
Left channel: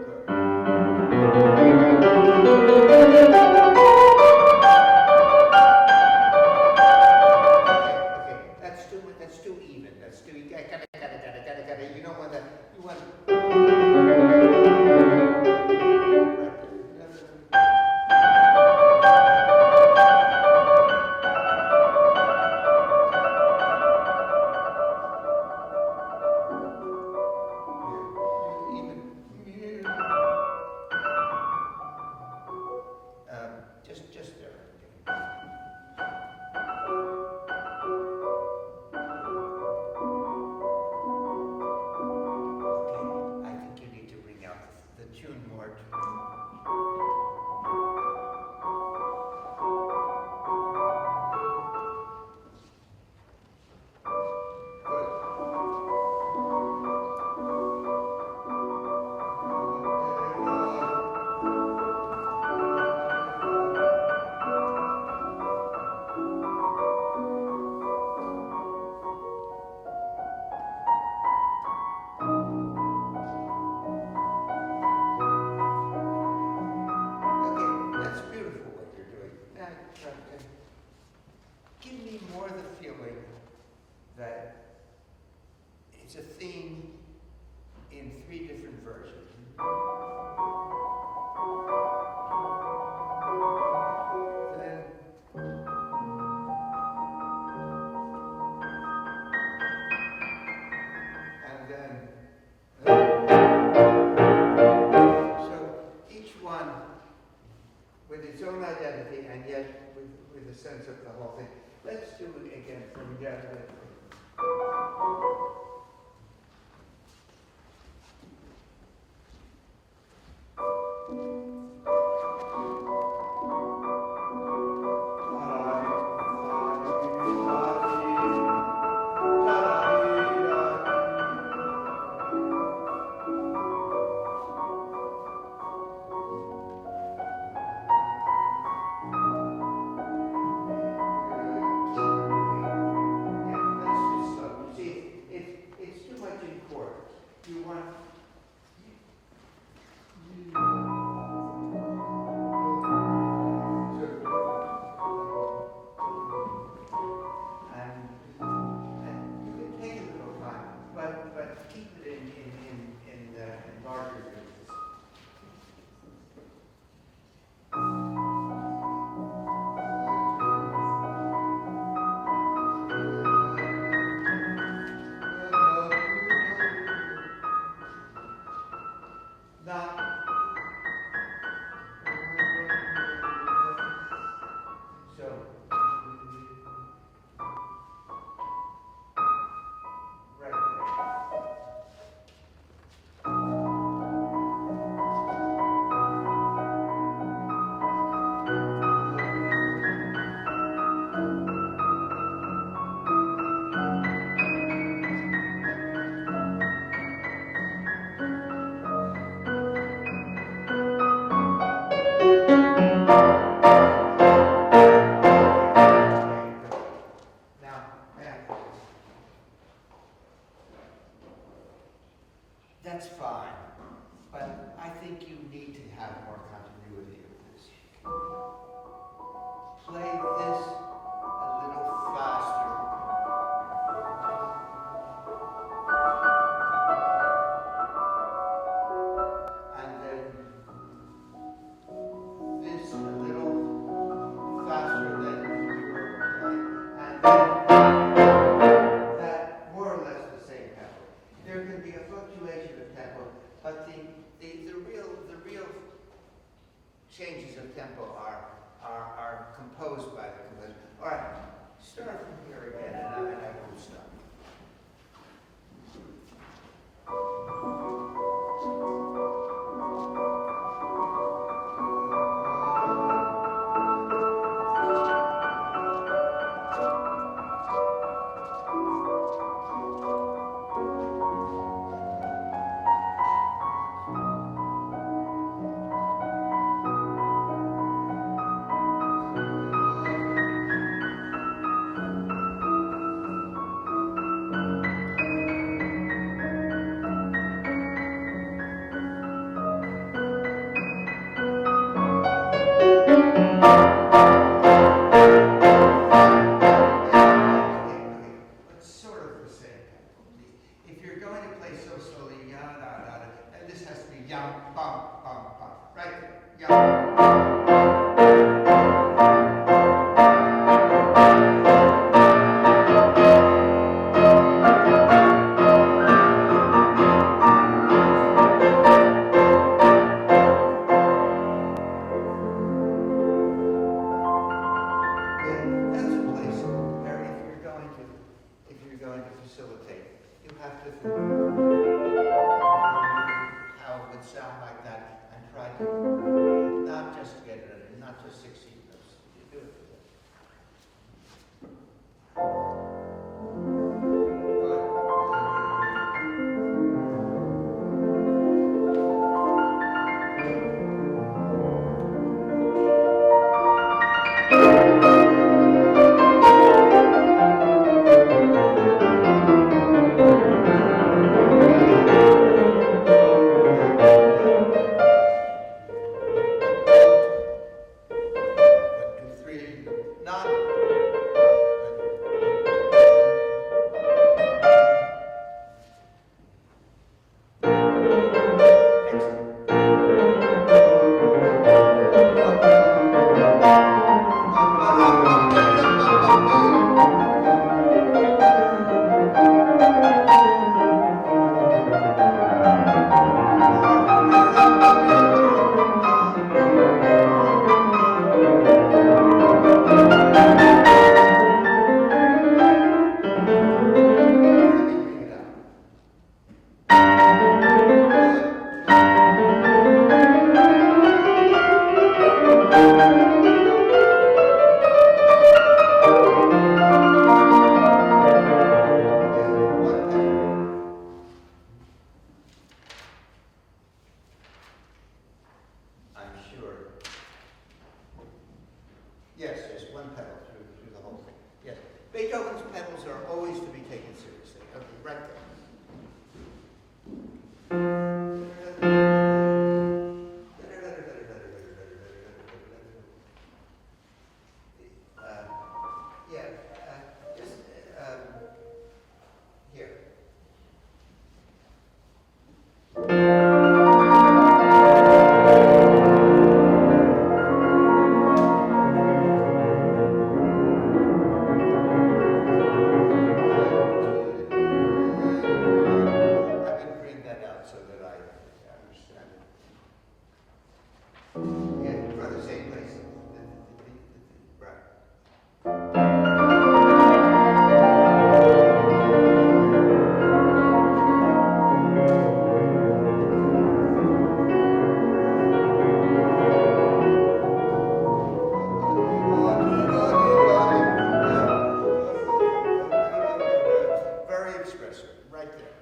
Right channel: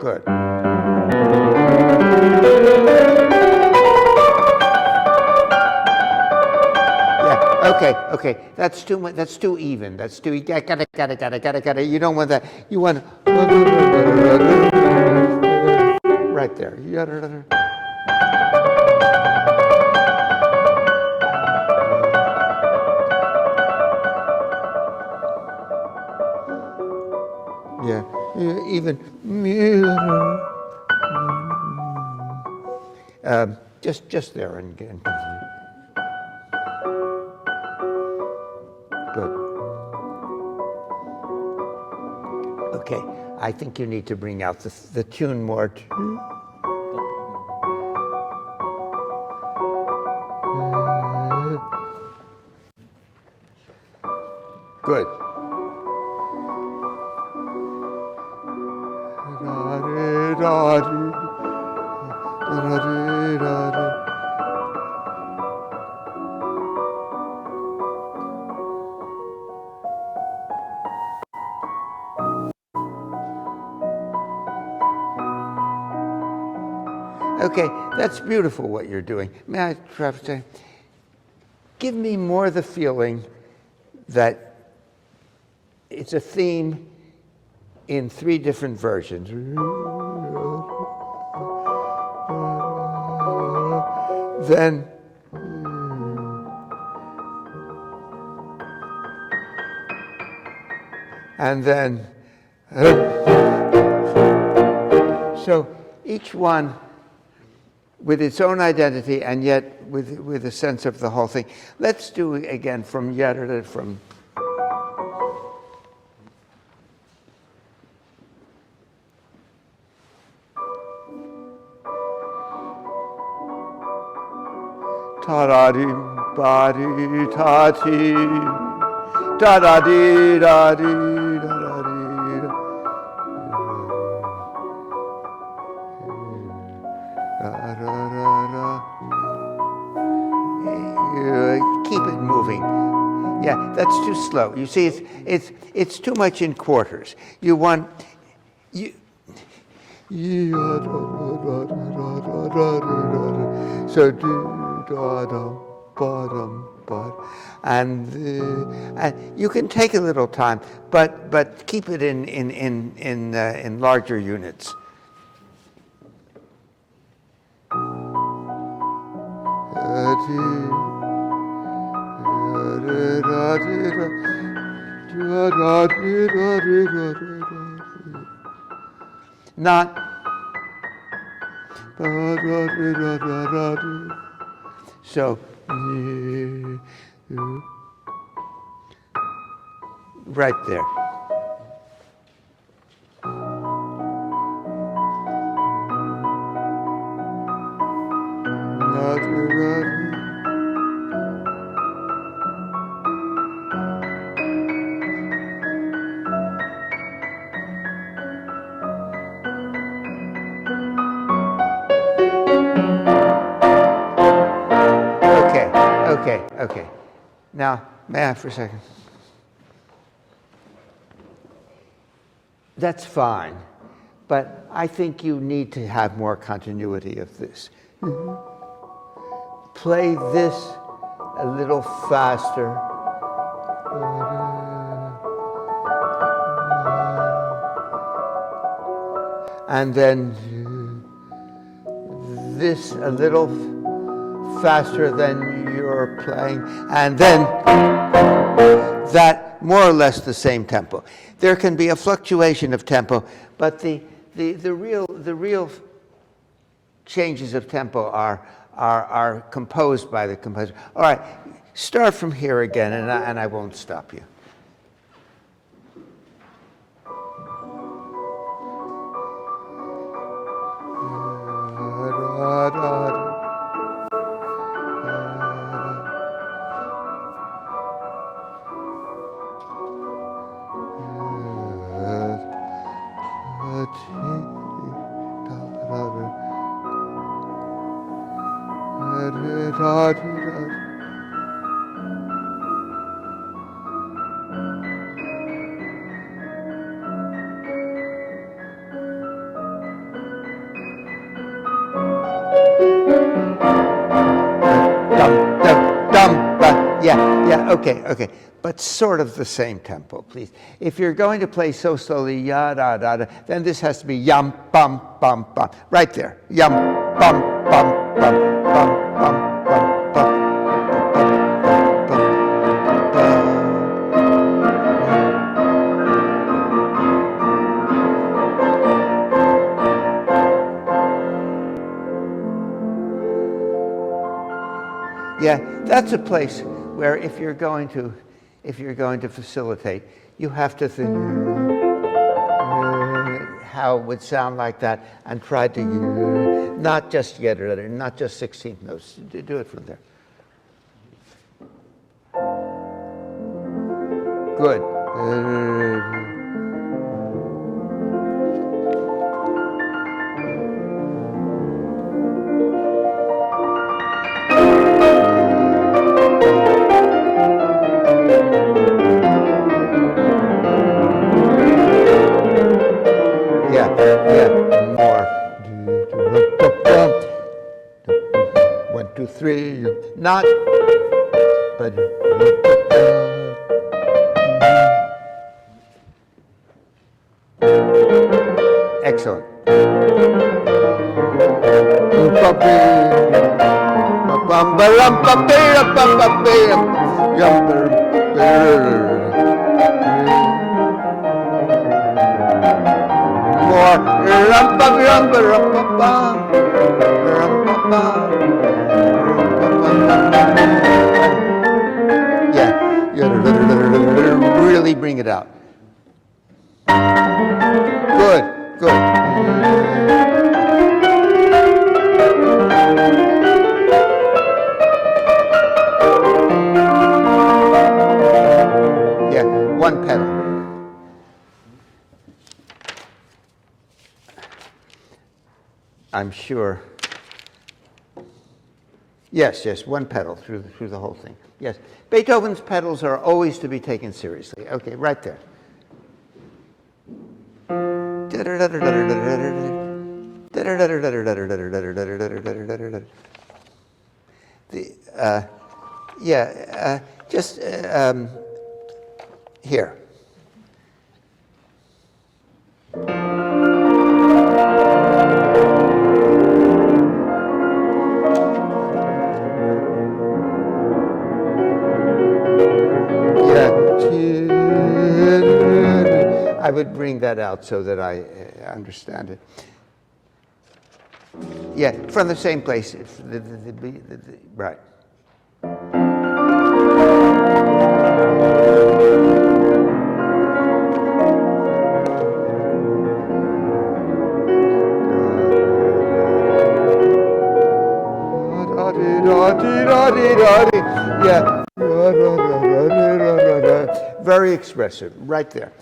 Good. Okay, that's too much. That's too even. That's too. Gotta. You don't want that. You want right there. Yeah, even. Just there and again. Good. Okay, I think you need to bring out the tune more. Good. Okay, that's beautiful what you're doing. May I try to say, give me more the feeling that it's a theme in 3 different versions. Then and then so each one with its own identity and yet with a sense of the whole thing. Let's do it again from from ta-da-dee, ba-dee, ta-dee, da-da-dee, da-dee, da-da-dee, da-da-da-da. Keep it moving. Yeah, that's too slow. You see, it's too much in quarters. You want so do. And you can take a little time, but keep it in larger units. Not. So, right there. Okay. Now, may I for a second? That's fine, but I think you need to have more continuity of this. Play this a little faster. And then this a little faster than you're playing, and then that more or less the same tempo. There can be a fluctuation of tempo, but the real changes of tempo are composed by the composer. All right, start from here again, and I won't stop you. Okay. But sort of the same tempo, please. If you're going to play so slowly, ya da da da, then this has to be yum bum bum bum. Right there. Yum bum bum bum bum bum bum bum. Yeah, that's a place where if you're going to facilitate, you have to think how it would sound like that and try to not just get it, not just 16th notes. Do it from there. Good. More. 1, 2, 3. Not. But. Excellent. Yeah, really bring it out. Good. Yeah, one pedal. I'm sure. Yes, one pedal through the whole thing. Yes, Beethoven's pedals are always to be taken seriously. Okay, right there. Just here. I would bring that out so that I understand it. Yeah, from the same place. Right. Yeah. Very expressive, right there.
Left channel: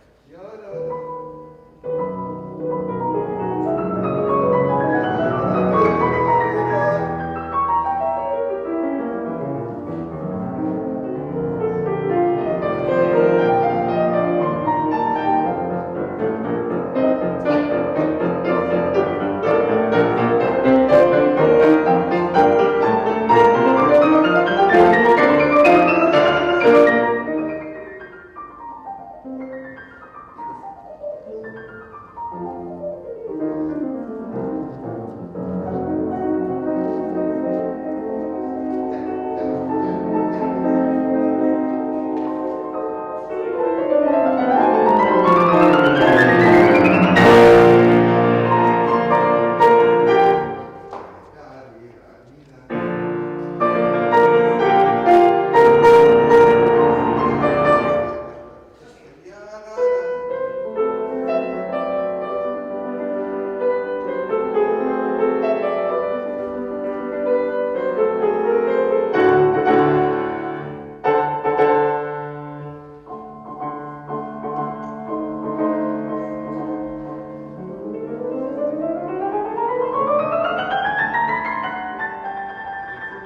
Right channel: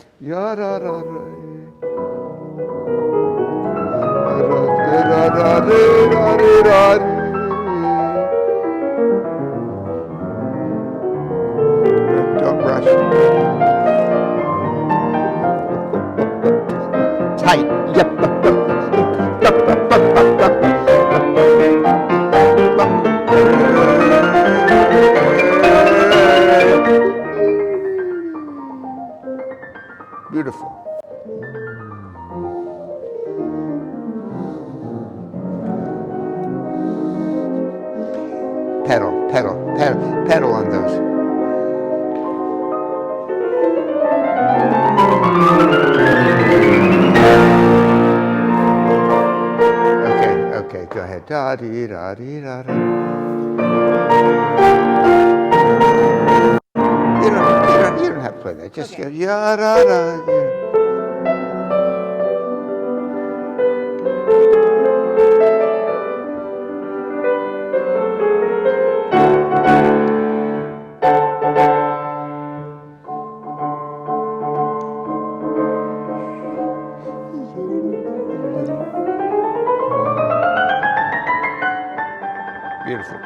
Don't rush. Tight. Yep. Beautiful. Pedal on those. Okay, go ahead. Da dee da dee da da. You don't have to play that. Just go ya da da. Beautiful.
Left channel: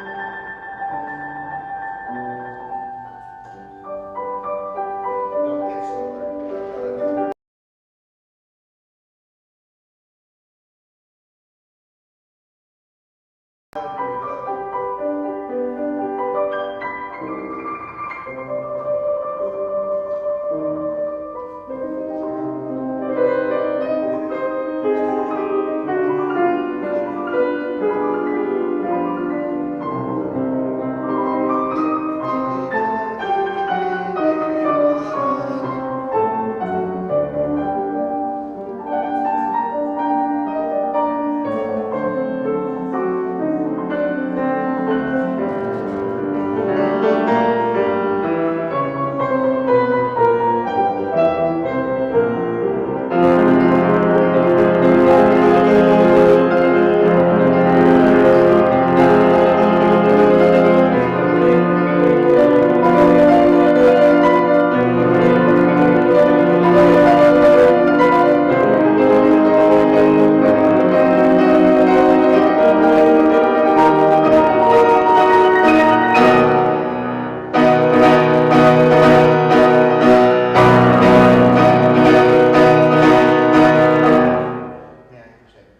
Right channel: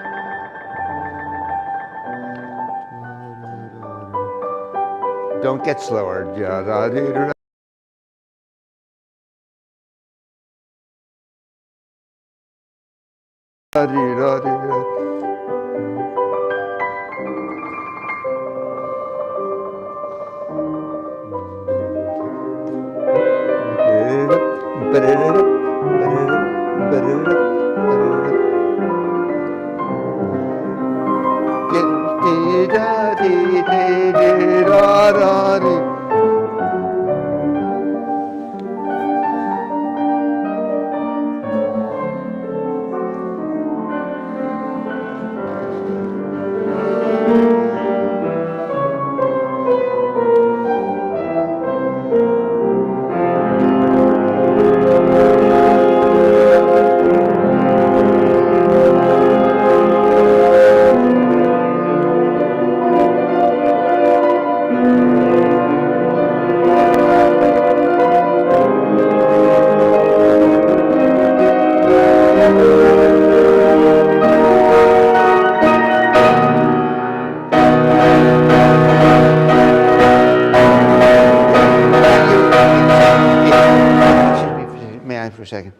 Don't get slower. Ja, da, dee, da, da, dee, da, dee, da. a second.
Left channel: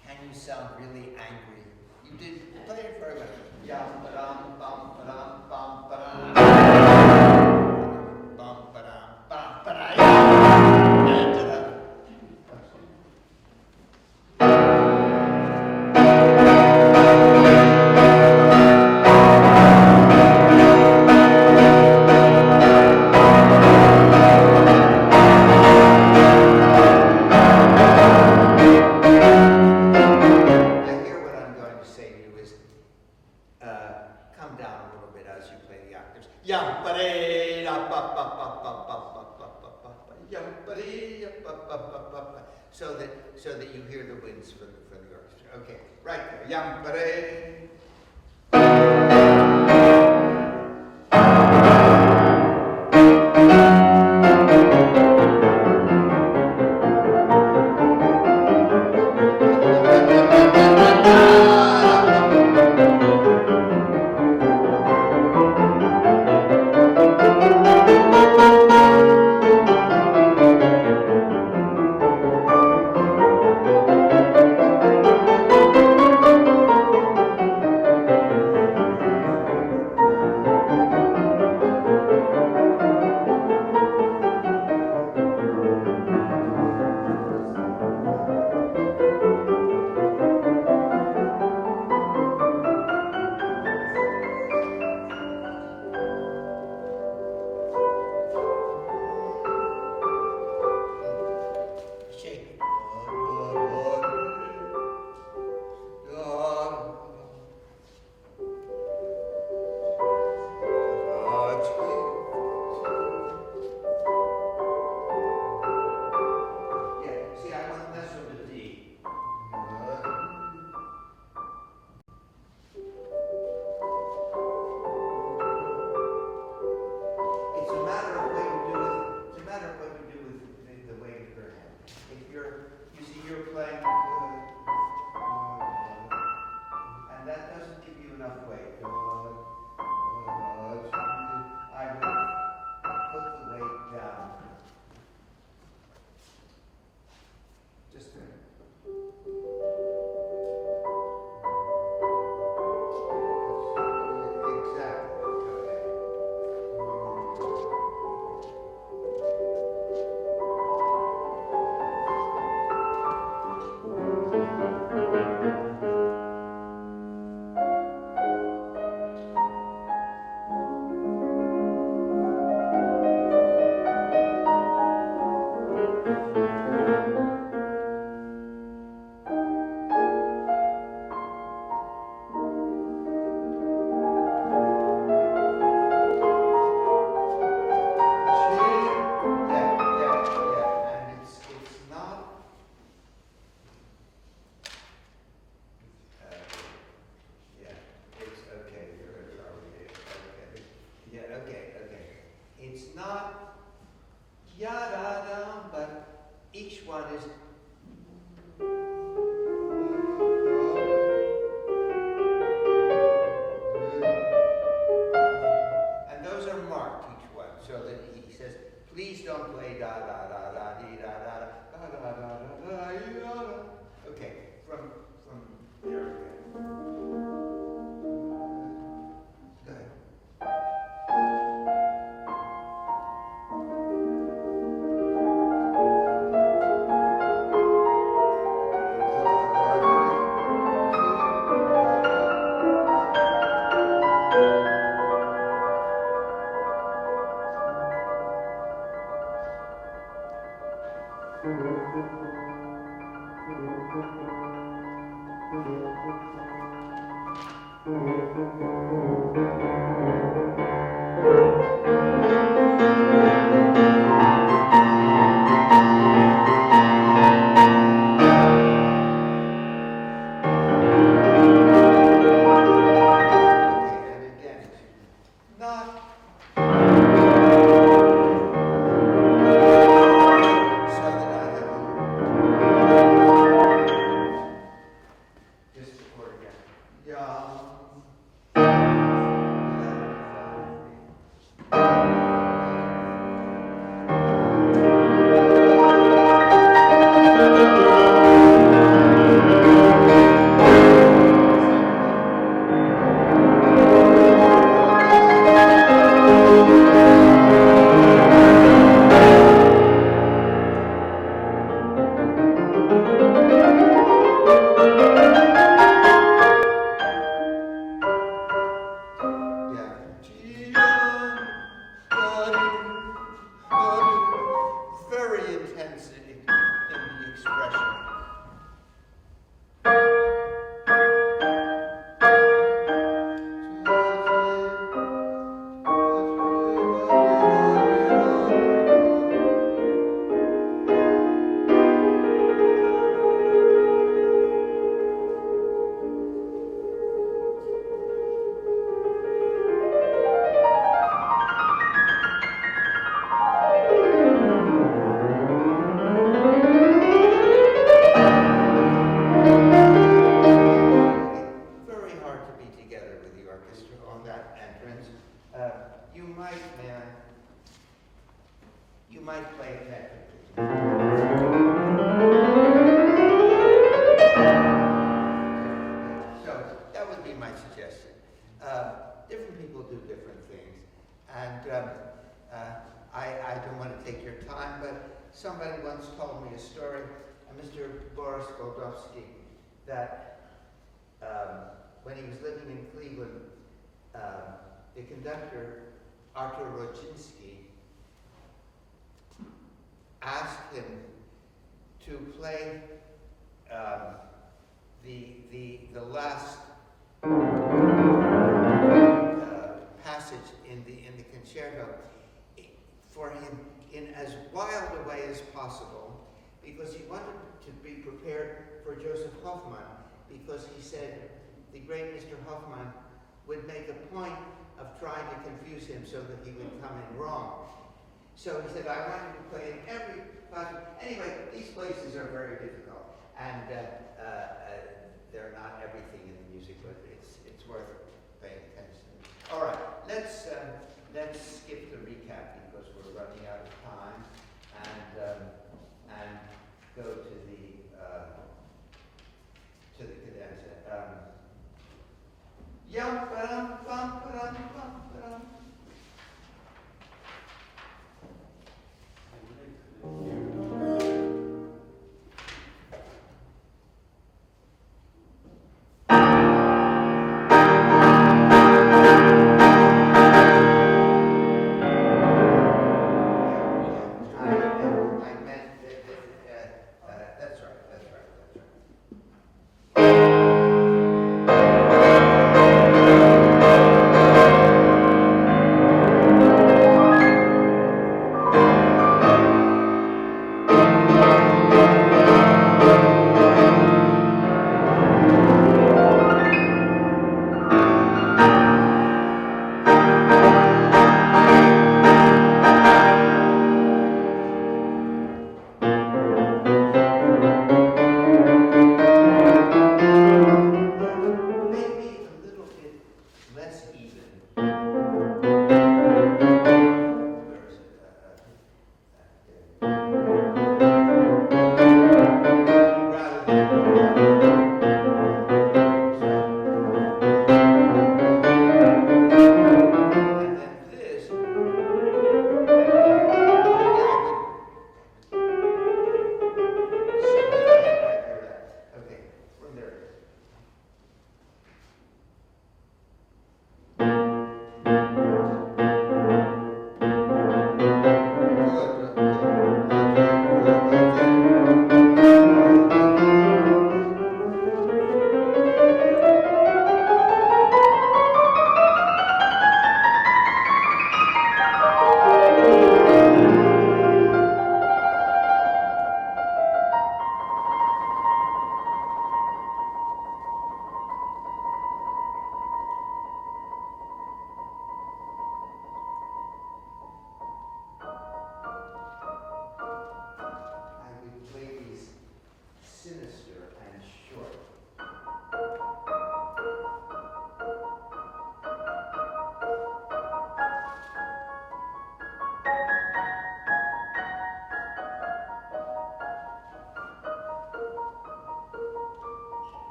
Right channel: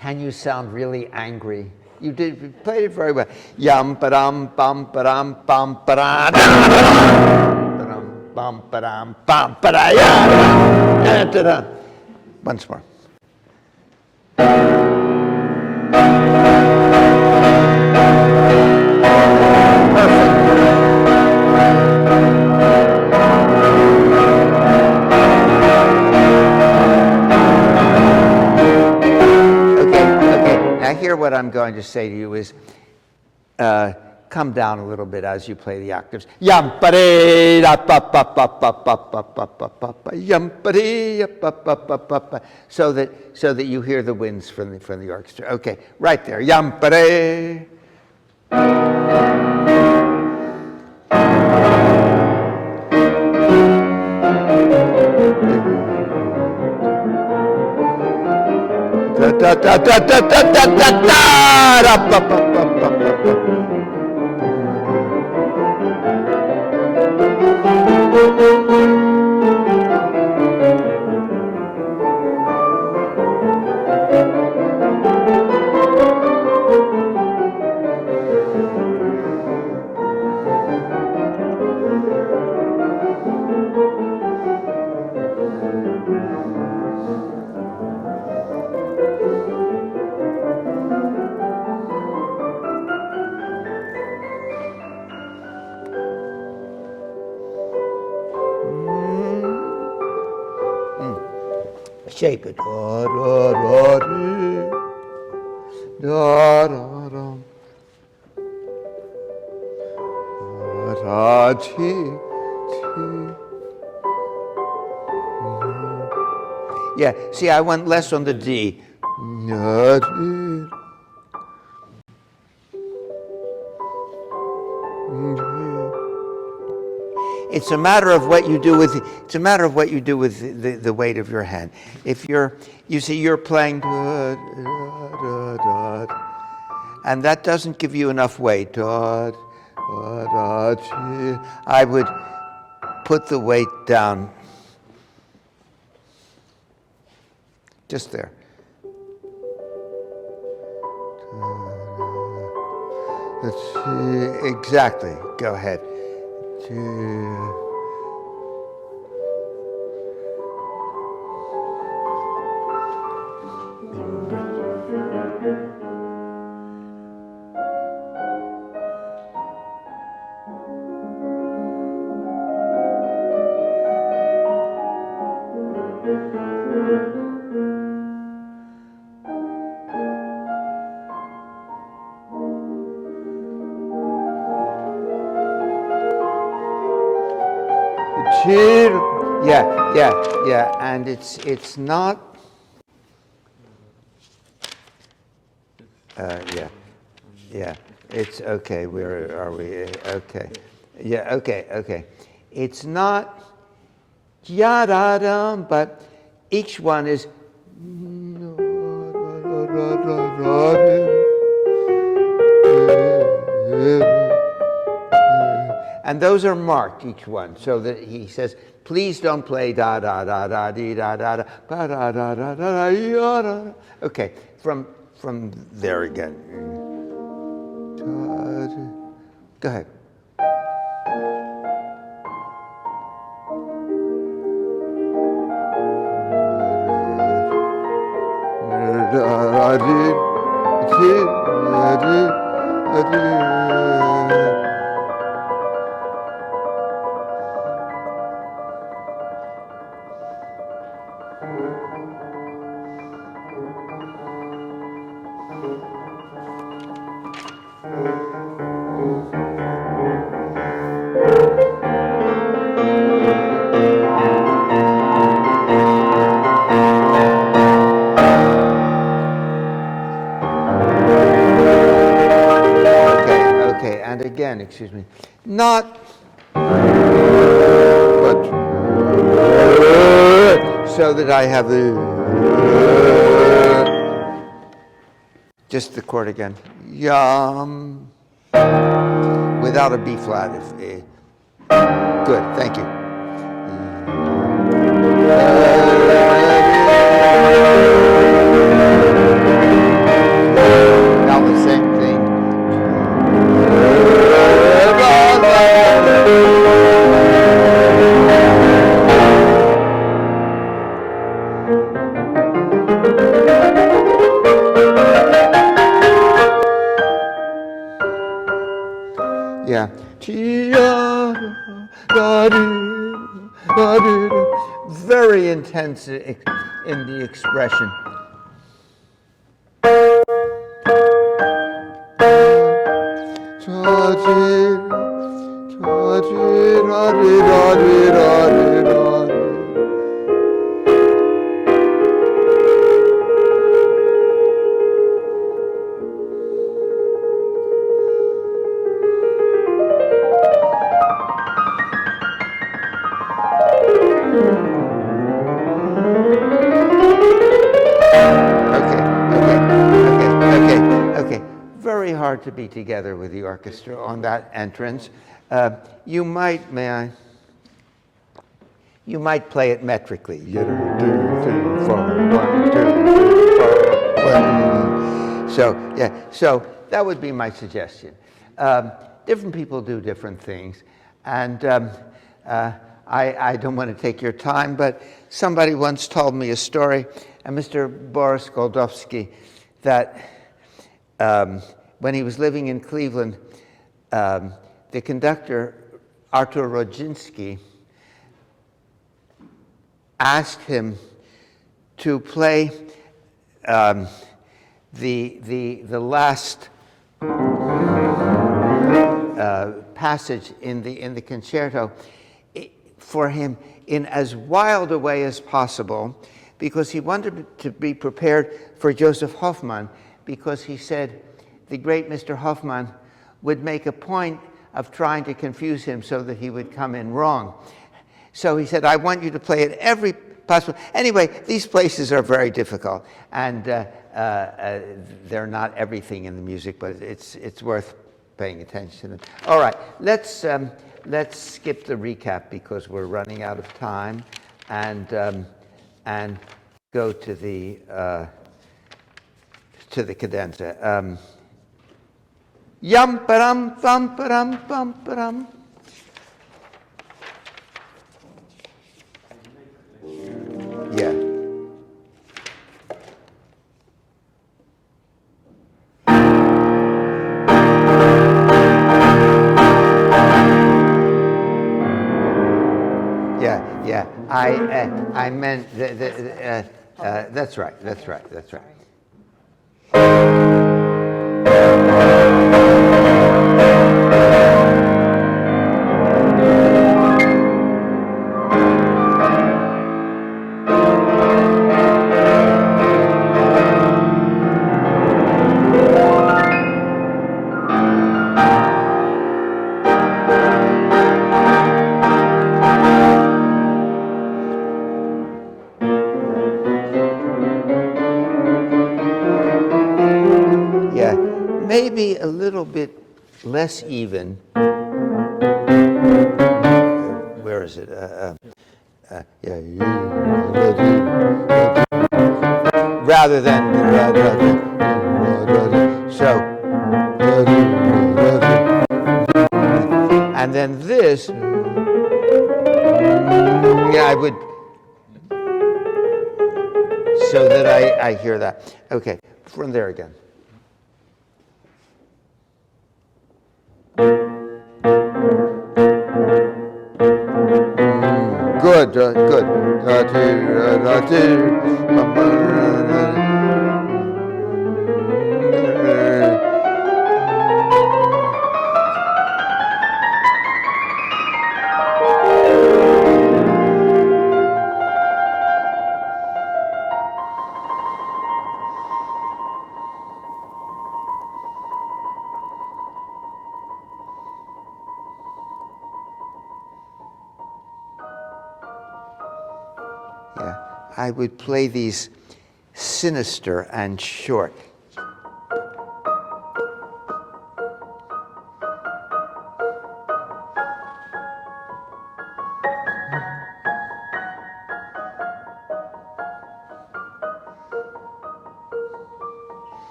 Can you sound really angry? You did you played it very well. Yum ba dum bum ba dum bum ba da bum ba dum bum ba da ya. Once more. What I'm going to say to you is come down a little bit as you play the octaves. So that you hear the winds from the orchestra. Okay, right there. Shake it. Yeah, see, I went less on the D. It's a matter of what you do with the weight of your hand. If you see you're playing and that doesn't give you enough weight. I would put the weight down just there. Let's see, exactly. Go ahead. Yeah, and it's not. Yeah. It's okay. Where are we? Okay. Yeah. Okay. It's not ya-da-dum, but each one is. And those are marked, each one, so that he says, please don't play da da da da dee da da da ba da da da da da da. Okay, from there again. Go ahead. Excuse me, not, but so that I have the, just the chord again, yum, without a B flat. Good, thank you. Very intense in the expression. Very hard to be together with the orchestra on that entrance. You might play it metrically. So yeah, so that would be my suggestion. Different people do different things, and I don't want to take your time, but somebody once told me a story, and Mr. Boris Goldovsky, that when he was living in Cleveland, the conductor, Artur Rodzinski, asked him to play the last passage in the concerto for him in as wild a way as possible, because he wanted to be prepared for Joseph Hoffmann, because he said the great Mr. Hoffmann would make a point of trying to confuse him so that he would come in wrong. So he said, I want you to play it every possible. Anyway, these places are very difficult, and they're not everything in the music, but it's worth paying attention. All right, let's skip the recap because we're running out of time, and go to the cadenza. Yum pa-dum, thum pa-dum, bum pa-dum. Yeah. Yeah. I meant that's right. Maybe a little bit less even. Where is it? Rather than so. And then this, I would, so that I hear that. Okay, from there again. Good. I would play these sinister and short.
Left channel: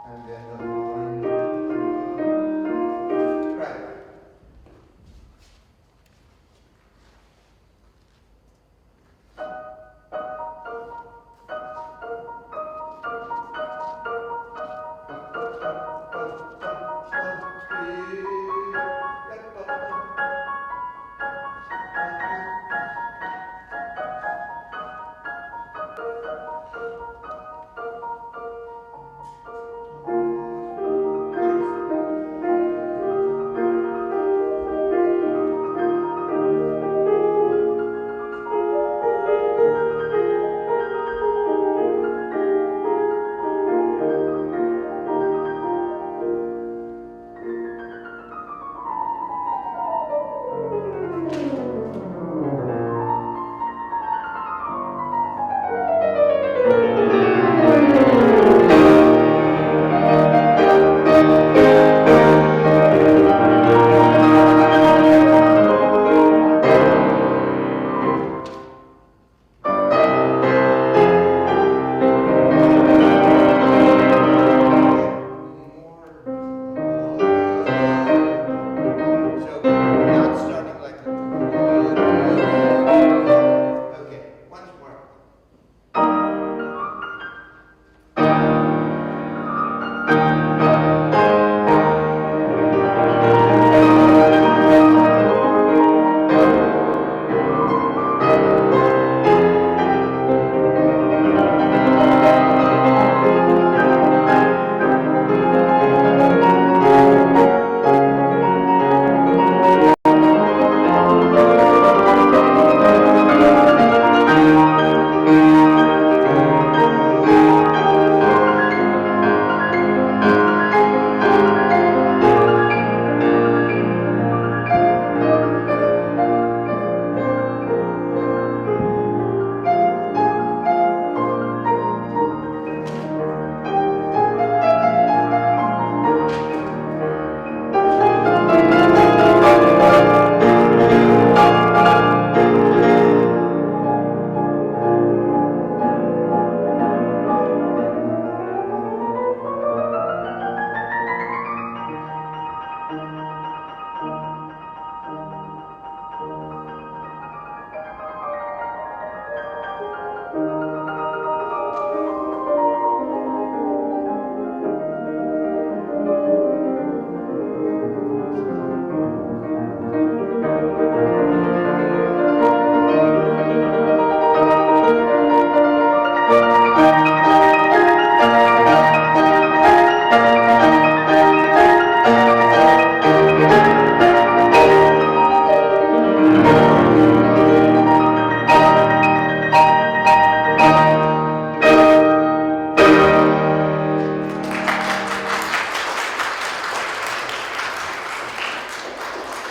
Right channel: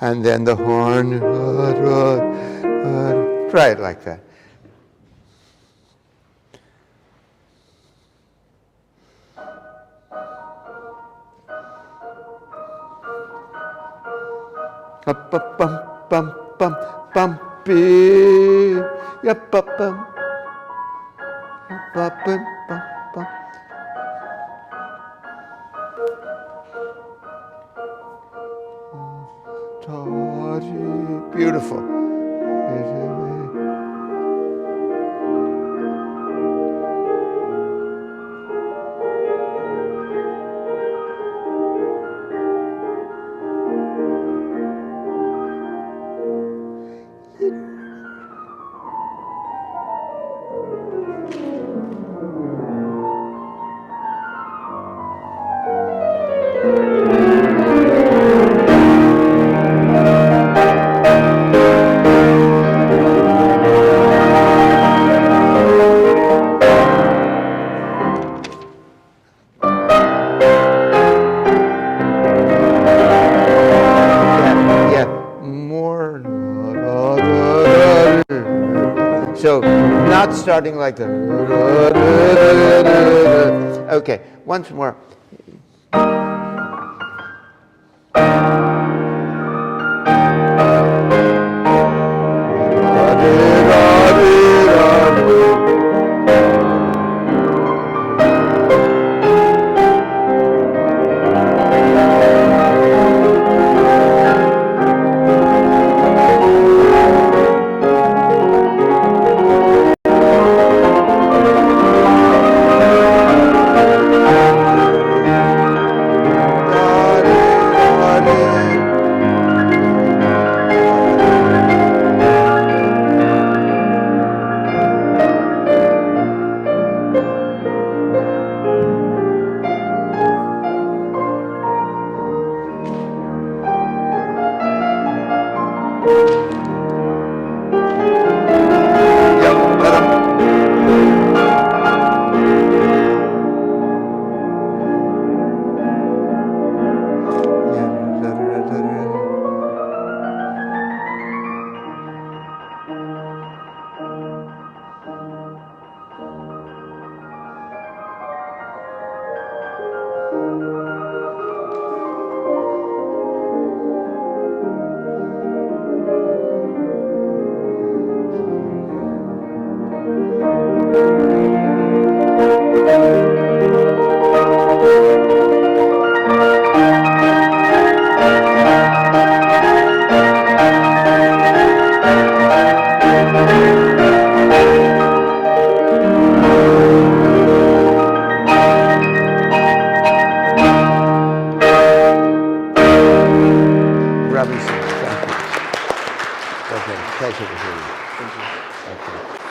And then the horn. Try it like that. starting like the. Okay, once more.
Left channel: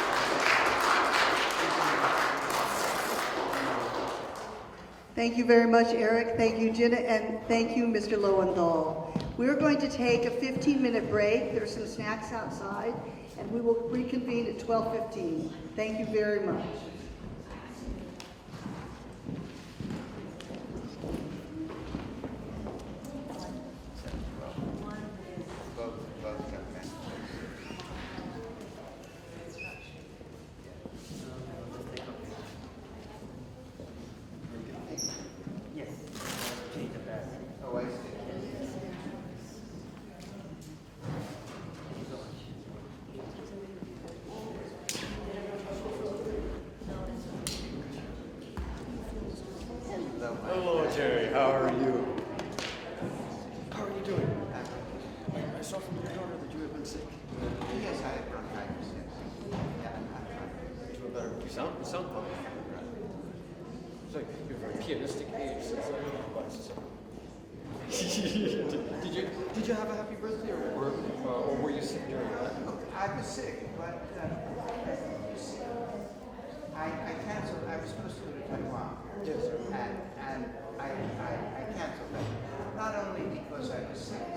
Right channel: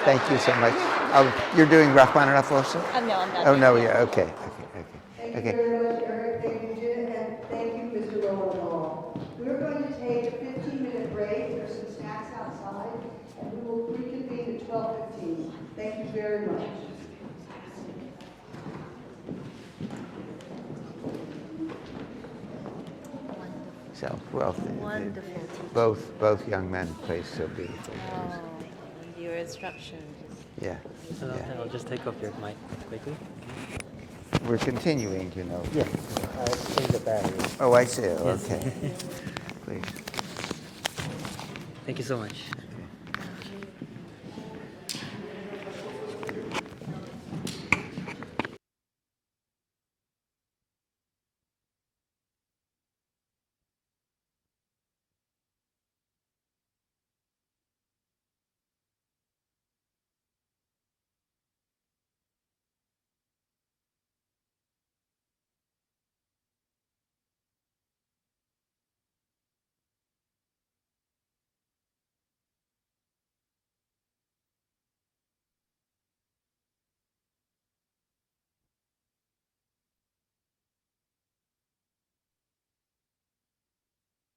Thank you so much. You're doing Rachmaninoff also? No, I'm not. Oh, no, yeah, okay. Thank you very much, Eric. Thank you, Jenna, and thank you, Mr. Lowenthal. We're going to take a 15-minute break. There's some snacks outside, and we will reconvene at 12:15. Thank you very much. So, well, Wonderful. both young men play so beautifully. Oh, your instructions. Yeah. I'll just take off your mic quickly. We're continuing, you know. Yeah, I changed the battery. Oh, I see. Yes. Okay. Please. Thank you so much. Hello, Jerry. How are you? How are you doing? I saw from your daughter that you had been sick. Yes, I have bronchitis, yes. You feel better. You sound fine. It's like you're a very pianistic age since I don't know about Did you have a happy birthday or were you sick during that? I was sick, but I canceled. I was supposed to go to Taiwan. Yes. And I canceled that. Not only because I was sick,